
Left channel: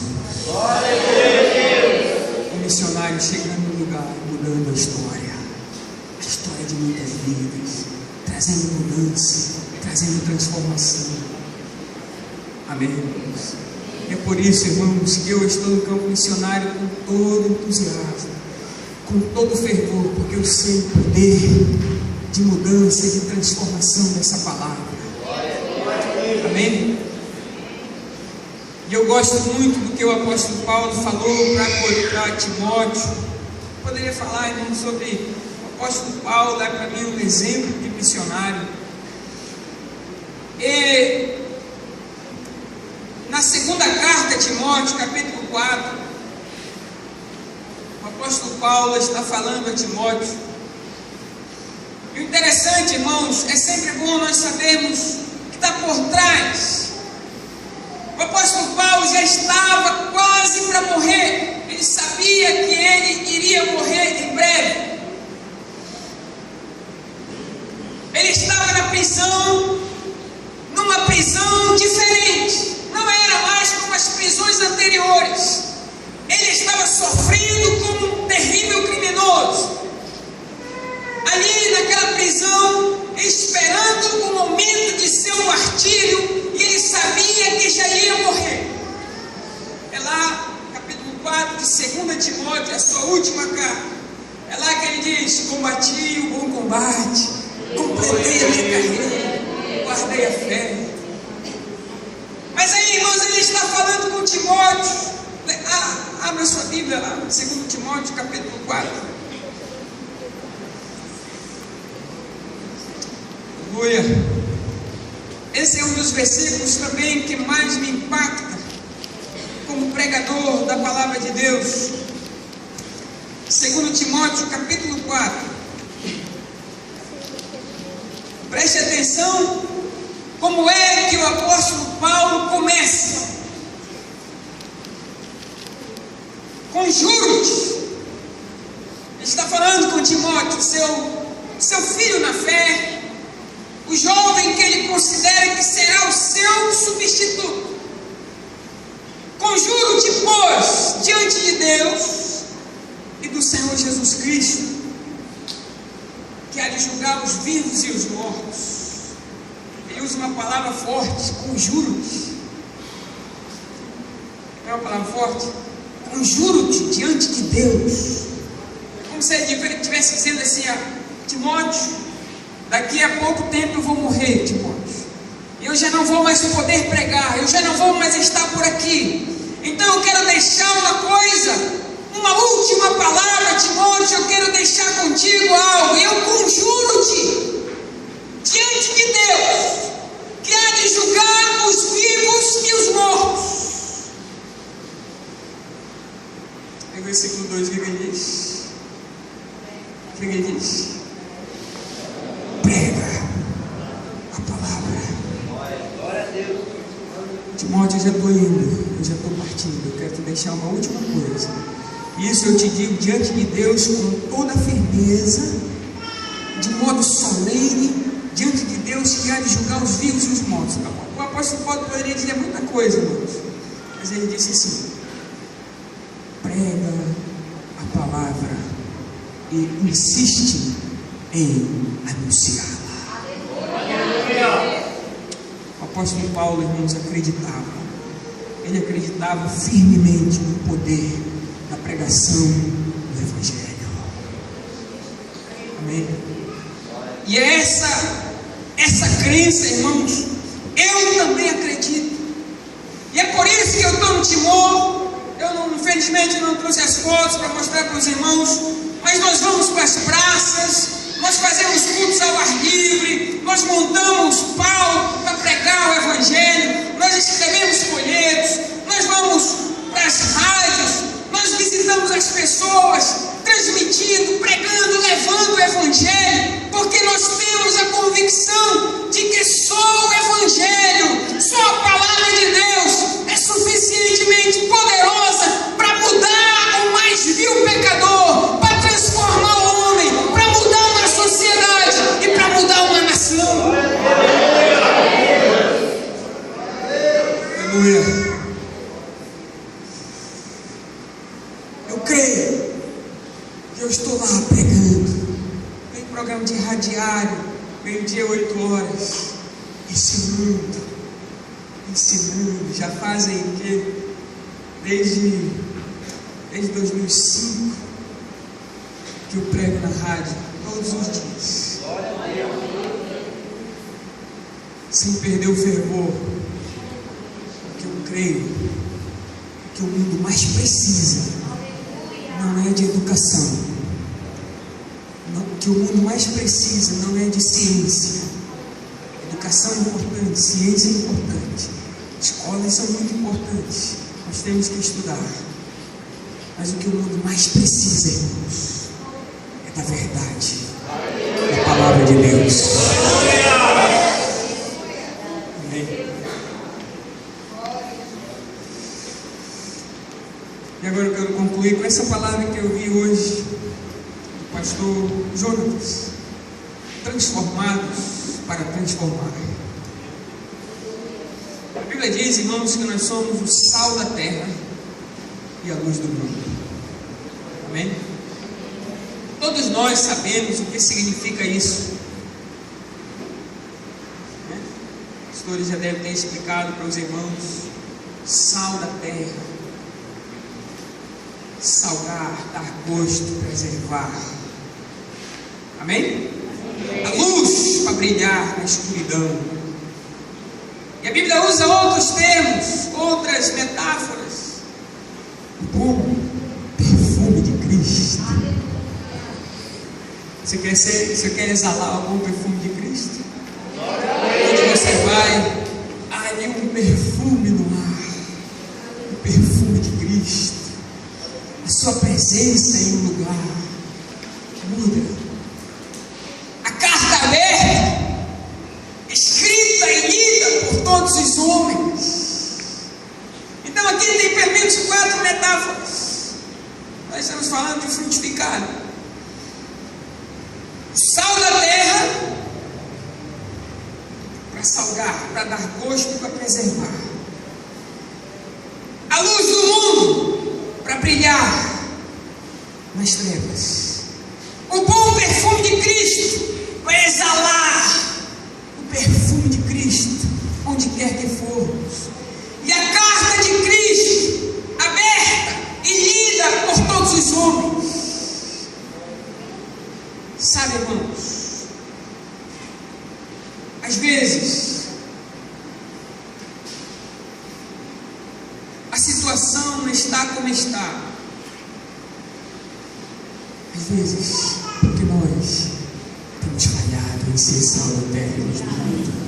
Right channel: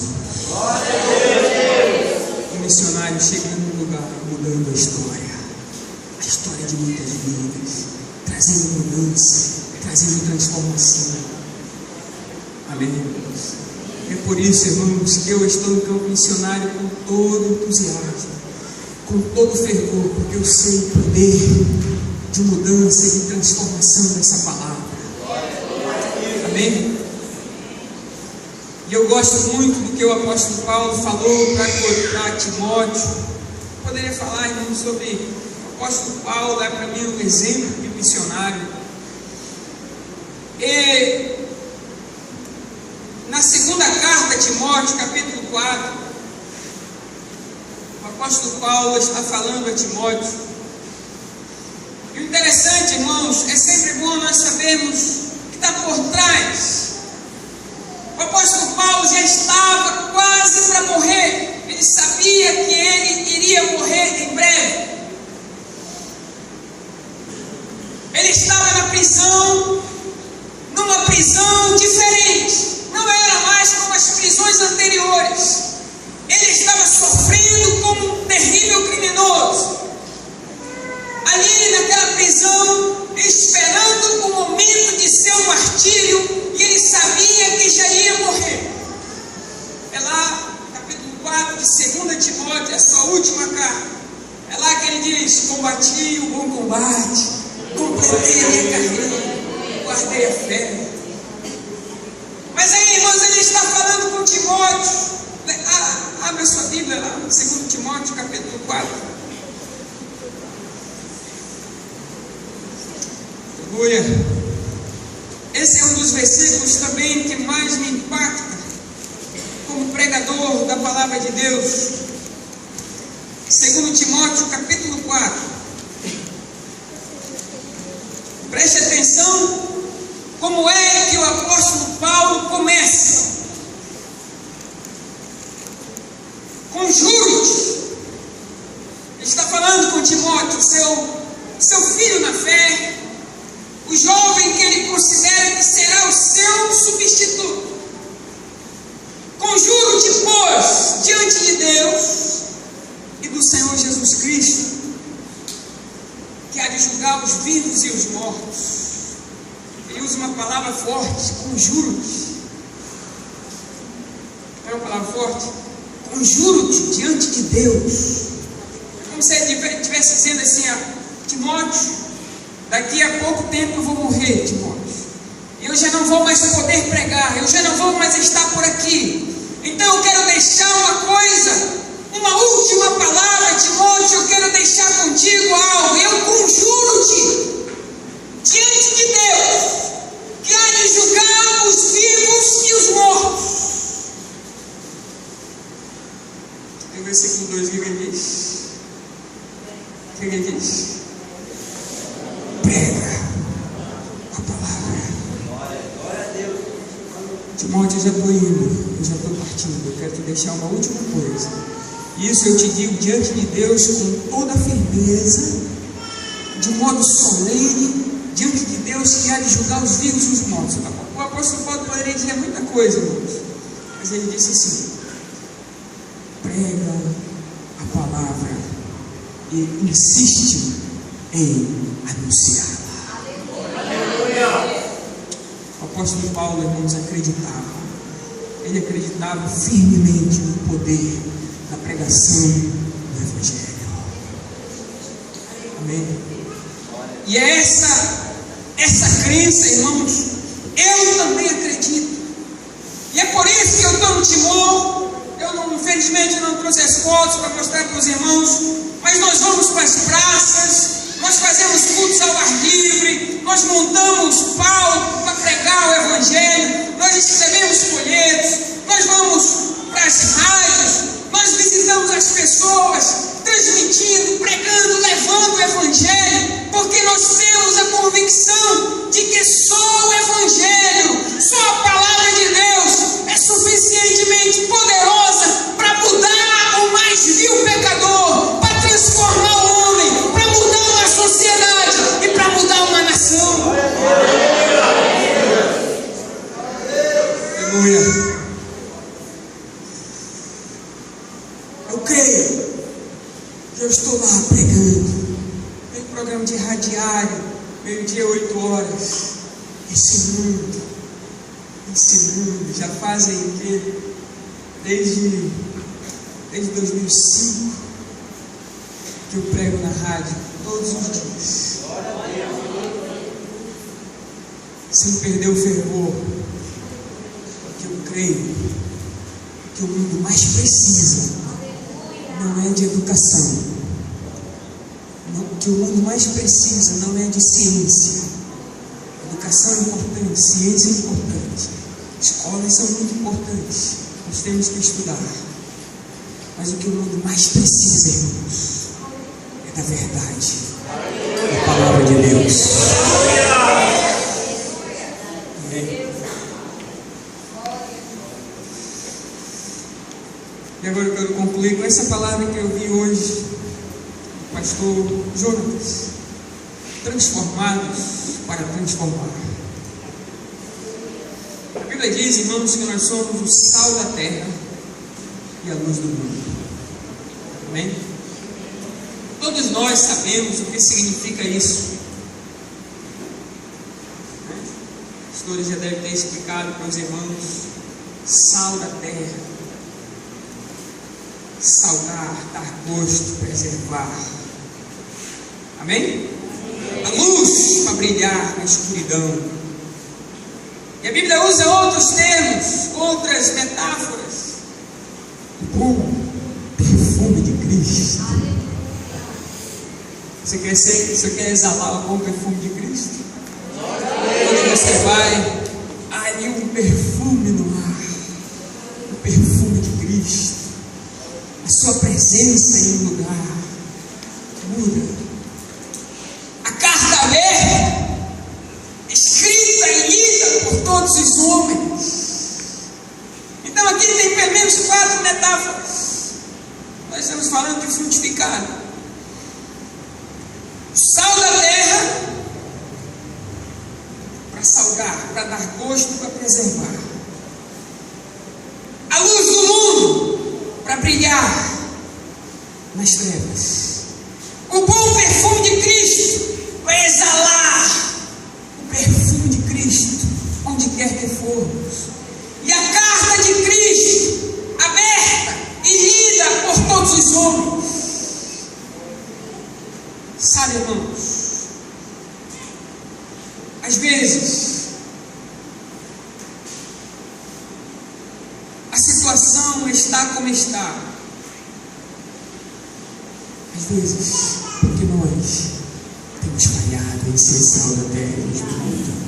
O missionário chegando no lugar, mudando a história de muitas vidas, trazendo mudança, trazendo transformação. Amém, irmãos? É por isso, irmãos, que eu estou no campo missionário com todo entusiasmo, com todo fervor, porque eu sei o poder de mudança e de transformação dessa palavra. Amém? E eu gosto muito do que o apóstolo Paulo falou para Timóteo. Eu poderia falar, irmão, sobre o apóstolo Paulo, é para mim um exemplo de missionário. E na segunda carta a Timóteo, capítulo 4, o apóstolo Paulo está falando a Timóteo. E o interessante, irmãos, é sempre bom nós sabermos o que está por trás. O apóstolo Paulo já estava quase para morrer. Ele sabia que ele iria morrer em breve. Ele estava na prisão, numa prisão diferente. Não era mais como as prisões anteriores. Ele estava sofrendo como um terrível criminoso. Ali naquela prisão, esperando o momento de seu martírio, e ele sabia que já ia morrer. É lá, capítulo 4 de 2 Timóteo, a sua última carta. É lá que ele diz: combati o bom combate, completei a minha carreira, guardei a fé. Mas aí, irmãos, ele está falando com Timóteo. Abra sua Bíblia lá, 2 Timóteo, capítulo 4. Aleluia. Esse é um dos versículos também que mais me impacta como pregador da palavra de Deus. 2 Timóteo, capítulo 4. Preste atenção como é que o apóstolo Paulo começa. Conjuro-te. Ele está falando com Timóteo, seu filho na fé, o jovem que ele considera que será o seu substituto. Conjuro-te, pois, diante de Deus e do Senhor Jesus Cristo, que há de julgar os vivos e os mortos. Ele usa uma palavra forte, conjuro-te. Não é uma palavra forte? Conjuro-te diante de Deus. Como se ele estivesse dizendo assim: Timóteo, daqui a pouco tempo eu vou morrer, Timóteo. Eu já não vou mais poder pregar, eu já não vou mais estar por aqui. Então eu quero deixar uma última palavra, Timóteo. Eu quero deixar contigo algo. Eu conjuro-te diante de Deus, que há de julgar os vivos e os mortos. E o versículo 2, o que ele diz? O que ele diz? Prega a palavra. Glória a Deus. Timóteo, eu já estou indo, eu já estou partindo. Eu quero te deixar uma última coisa. Isso eu te digo diante de Deus com toda a firmeza, de modo solene, diante de Deus que há de julgar os vivos e os mortos. O apóstolo Paulo poderia dizer muita coisa, irmãos, mas ele disse assim: prega a palavra e insiste em anunciá-la. O apóstolo Paulo, irmãos, acreditava. Ele acreditava firmemente no poder da pregação do Evangelho. Amém? E é essa crença, irmãos, eu também acredito. E é por isso que eu estou no Timor. Infelizmente não trouxe as fotos para mostrar para os irmãos, mas nós vamos para as praças, nós fazemos cultos ao ar livre, nós montamos palco para pregar o Evangelho, nós escrevemos folhetos, nós vamos para as rádios, nós visitamos as pessoas, transmitindo, pregando, levando o Evangelho, porque nós temos a convicção de que só o Evangelho, só a palavra de Deus é suficientemente poderosa para mudar o mais vil pecador, para transformar o homem, para mudar uma sociedade e para mudar uma nação. Aleluia. Eu creio que eu estou lá pregando. Tem programa de radiário, meio-dia, 8 horas, ensinando. Já fazem o quê? Desde 2005 que eu prego na rádio, todos os dias, sem perder o fervor, porque eu creio que o mundo mais precisa não é de educação, que o mundo mais precisa não é de ciência. Educação é importante, ciência é importante, escolas são muito importantes, nós temos que estudar, mas o que o mundo mais precisa, irmãos, é da verdade, da palavra de Deus. Amém. E agora eu quero concluir com essa palavra que eu vi hoje do pastor Jonas: transformados para transformar. A Bíblia diz, irmãos, que nós somos o sal da terra e a luz do mundo. Amém? Todos nós sabemos o que significa isso. Os pastores já devem ter explicado para os irmãos: sal da terra, salgar, dar gosto, preservar. Amém? A luz para brilhar na escuridão. E a Bíblia usa outros termos, outras metáforas. O bom perfume de Cristo. Você quer exalar o bom perfume de Cristo? Onde você vai, ali um perfume no ar, o perfume de Cristo. A sua presença em um lugar muda. A carta aberta, escrita e lida por todos os homens. Então aqui tem pelo menos 4 metáforas. Nós estamos falando de frutificar. Sal da terra para salgar, para dar gosto e para preservar. A luz do mundo para brilhar nas trevas. O bom perfume de Cristo para exalar o perfume de Cristo onde quer que formos. E a carta de Cristo aberta e lida por todos os homens. Sabe, irmãos, às vezes a situação está como está. Às vezes, porque nós temos falhado em ser sal da terra e luz do mundo.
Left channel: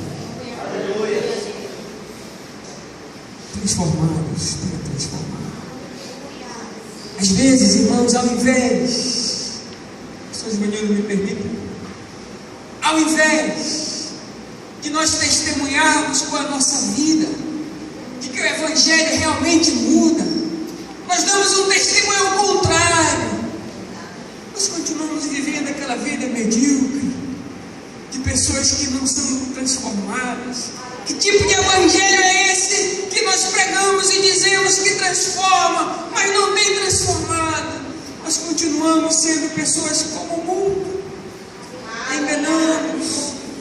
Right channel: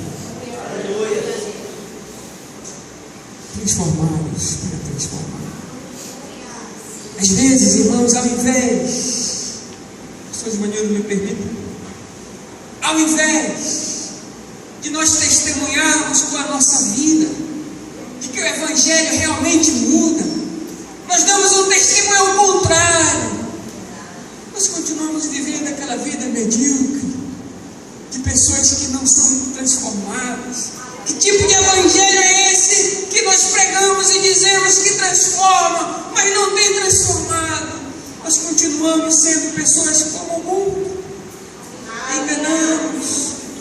Transformados para transformar. Às vezes, irmãos, ao invés, pessoas maneiras me permitem, ao invés de nós testemunharmos com a nossa vida de que o Evangelho realmente muda, nós damos um testemunho ao contrário. Nós continuamos vivendo aquela vida medíocre de pessoas que não são transformadas. Que tipo de evangelho é esse que nós pregamos e dizemos que transforma, mas não tem transformado? Nós continuamos sendo pessoas como o mundo. Enganamos,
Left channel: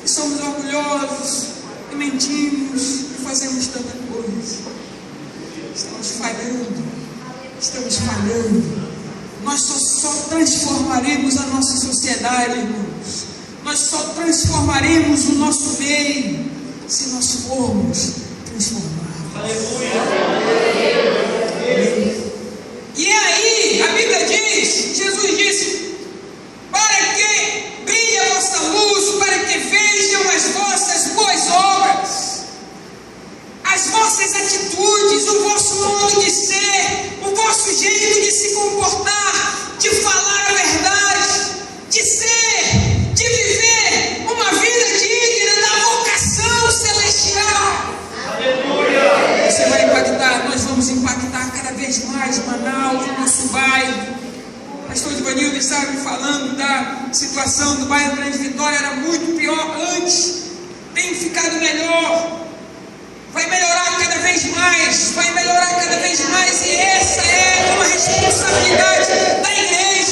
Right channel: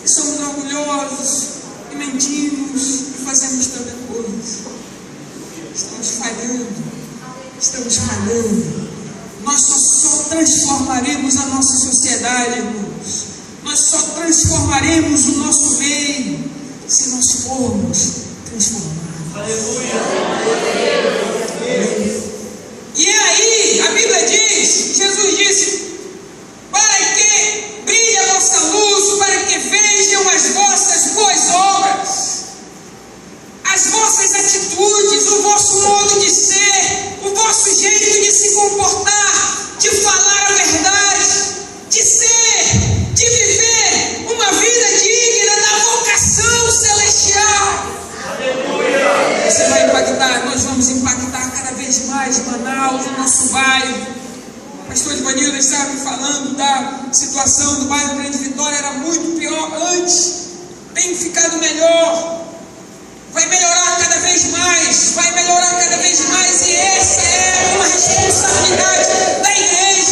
e somos orgulhosos, e mentimos, e fazemos tanta coisa. Estamos falhando. Nós só transformaremos a nossa sociedade, irmãos. Nós só transformaremos o nosso meio se nós formos transformados. Aleluia. E aí, a Bíblia diz, Jesus disse, para que brilhe a vossa luz, para que vejam as vossas boas obras, as vossas atitudes, o vosso modo de ser, o vosso jeito de se comportar, de falar a verdade, de ser, de viver uma vida digna da vocação celestial. Aleluia. Você vai impactar, nós vamos impactar cada vez mais Manaus, o nosso bairro. O pastor Ivanildo estava me falando da situação do bairro Grande Vitória, era muito pior antes, tem ficado melhor. Vai melhorar cada vez mais, e essa é uma responsabilidade da igreja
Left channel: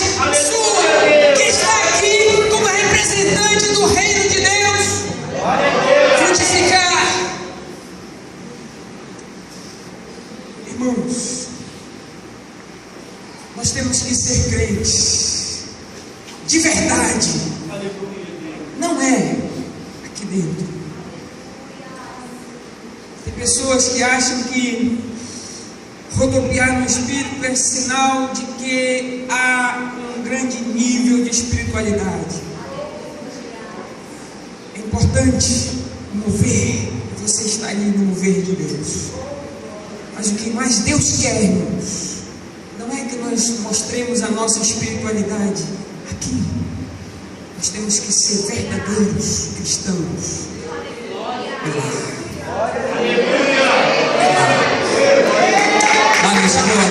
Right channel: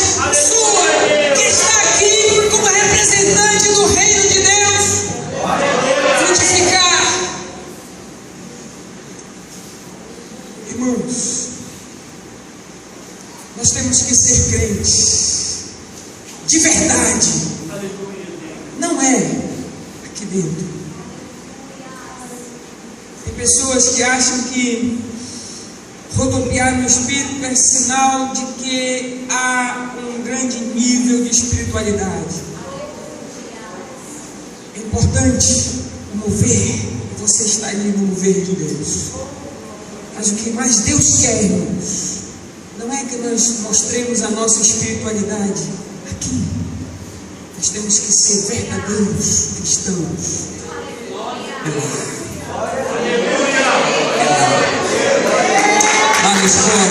sua, que está aqui como representante do reino de Deus. Frutificar. Irmãos, nós temos que ser crentes de verdade, não é aqui dentro. Tem pessoas que acham que rodopiar no Espírito é sinal de que há um grande nível de espiritualidade. É importante o mover, você está ali no mover de Deus. Mas o que mais Deus quer, irmãos, não é que nós mostremos a nossa espiritualidade aqui. Nós temos que ser verdadeiros cristãos. Lá na escola,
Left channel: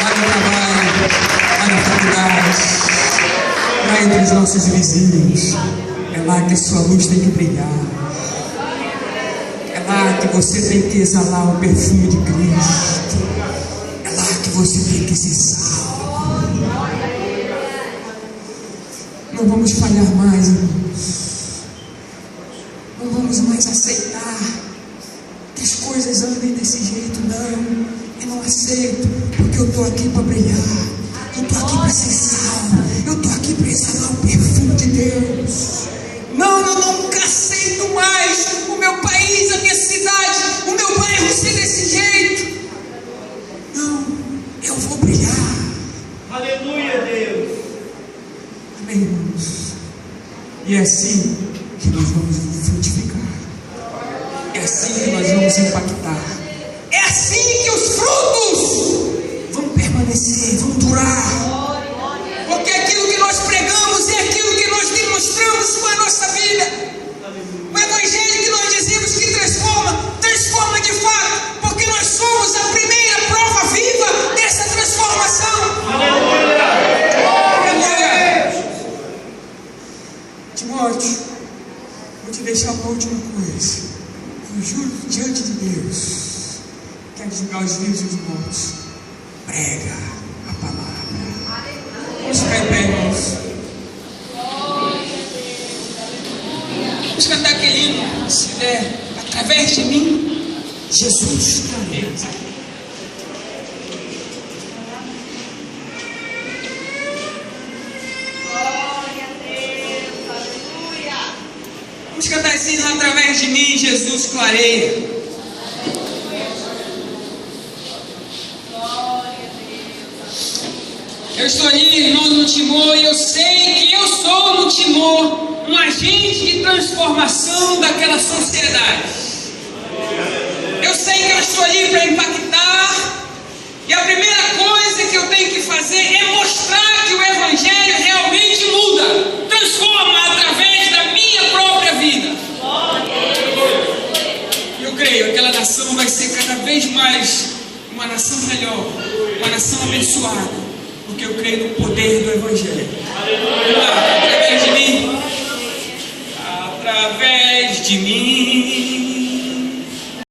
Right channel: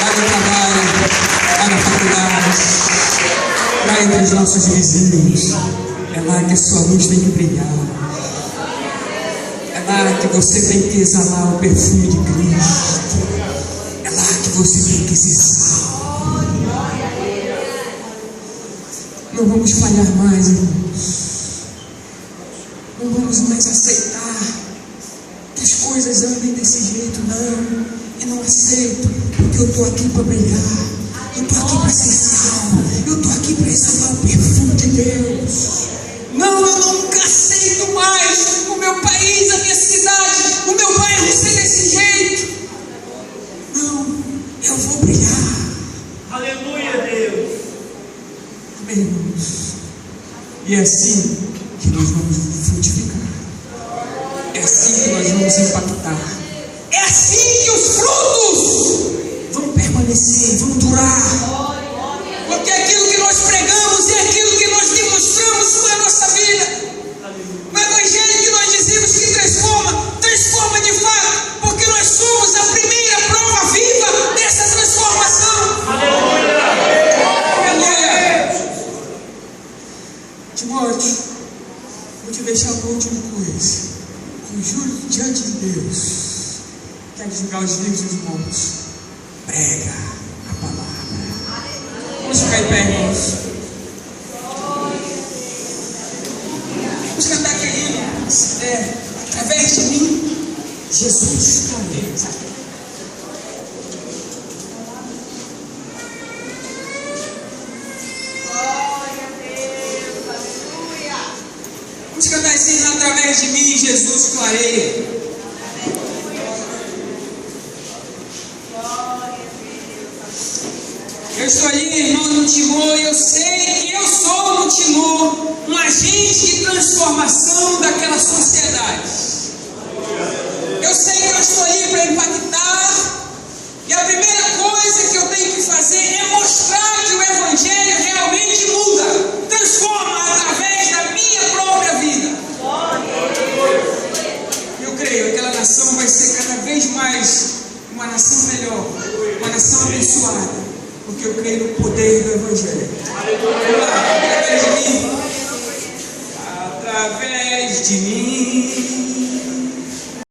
lá no trabalho, lá na faculdade, lá entre os nossos vizinhos. É lá que a sua luz tem que brilhar. É lá que você tem que exalar o perfume de Cristo. É lá que você tem que ser salvo. Não vamos falhar mais, irmãos. Não vamos mais aceitar que as coisas andem desse jeito, não. Eu não aceito, porque eu estou aqui para brilhar. Eu estou aqui para ser salvo. Eu estou aqui para exalar o perfume de Deus. Não, eu nunca aceito mais o meu país, a minha cidade, o meu bairro ser desse jeito. Não, eu vou brilhar. Aleluia, Deus. Amém, irmãos. E é assim que nós vamos frutificar. É assim que nós vamos impactar. É assim que os frutos vão permanecer, vão durar. Porque aquilo que nós pregamos é aquilo que nós demonstramos com a nossa vida. O evangelho que nós dizemos que transforma de fato, porque nós somos última coisa. Eu juro diante de Deus, quero julgar os vivos e os mortos. Prega a palavra. Vamos ficar em pé, irmãos. Vamos cantar aquele hino, se der, através de mim, Jesus. Amém. Vamos cantar assim, através de mim, Jesus clareia. Eu estou ali, irmão, no Timor, e eu sei que eu sou no Timor um agente de transformação daquela sociedade. Eu sei que eu estou ali para impactar, e a primeira coisa que eu tenho que fazer é mostrar que o Evangelho realmente muda, transforma através da minha própria vida. Eu creio que aquela nação vai ser cada vez mais uma nação melhor, uma nação abençoada. Porque eu creio no poder do Evangelho. Vamos lá, através de mim. Através de mim.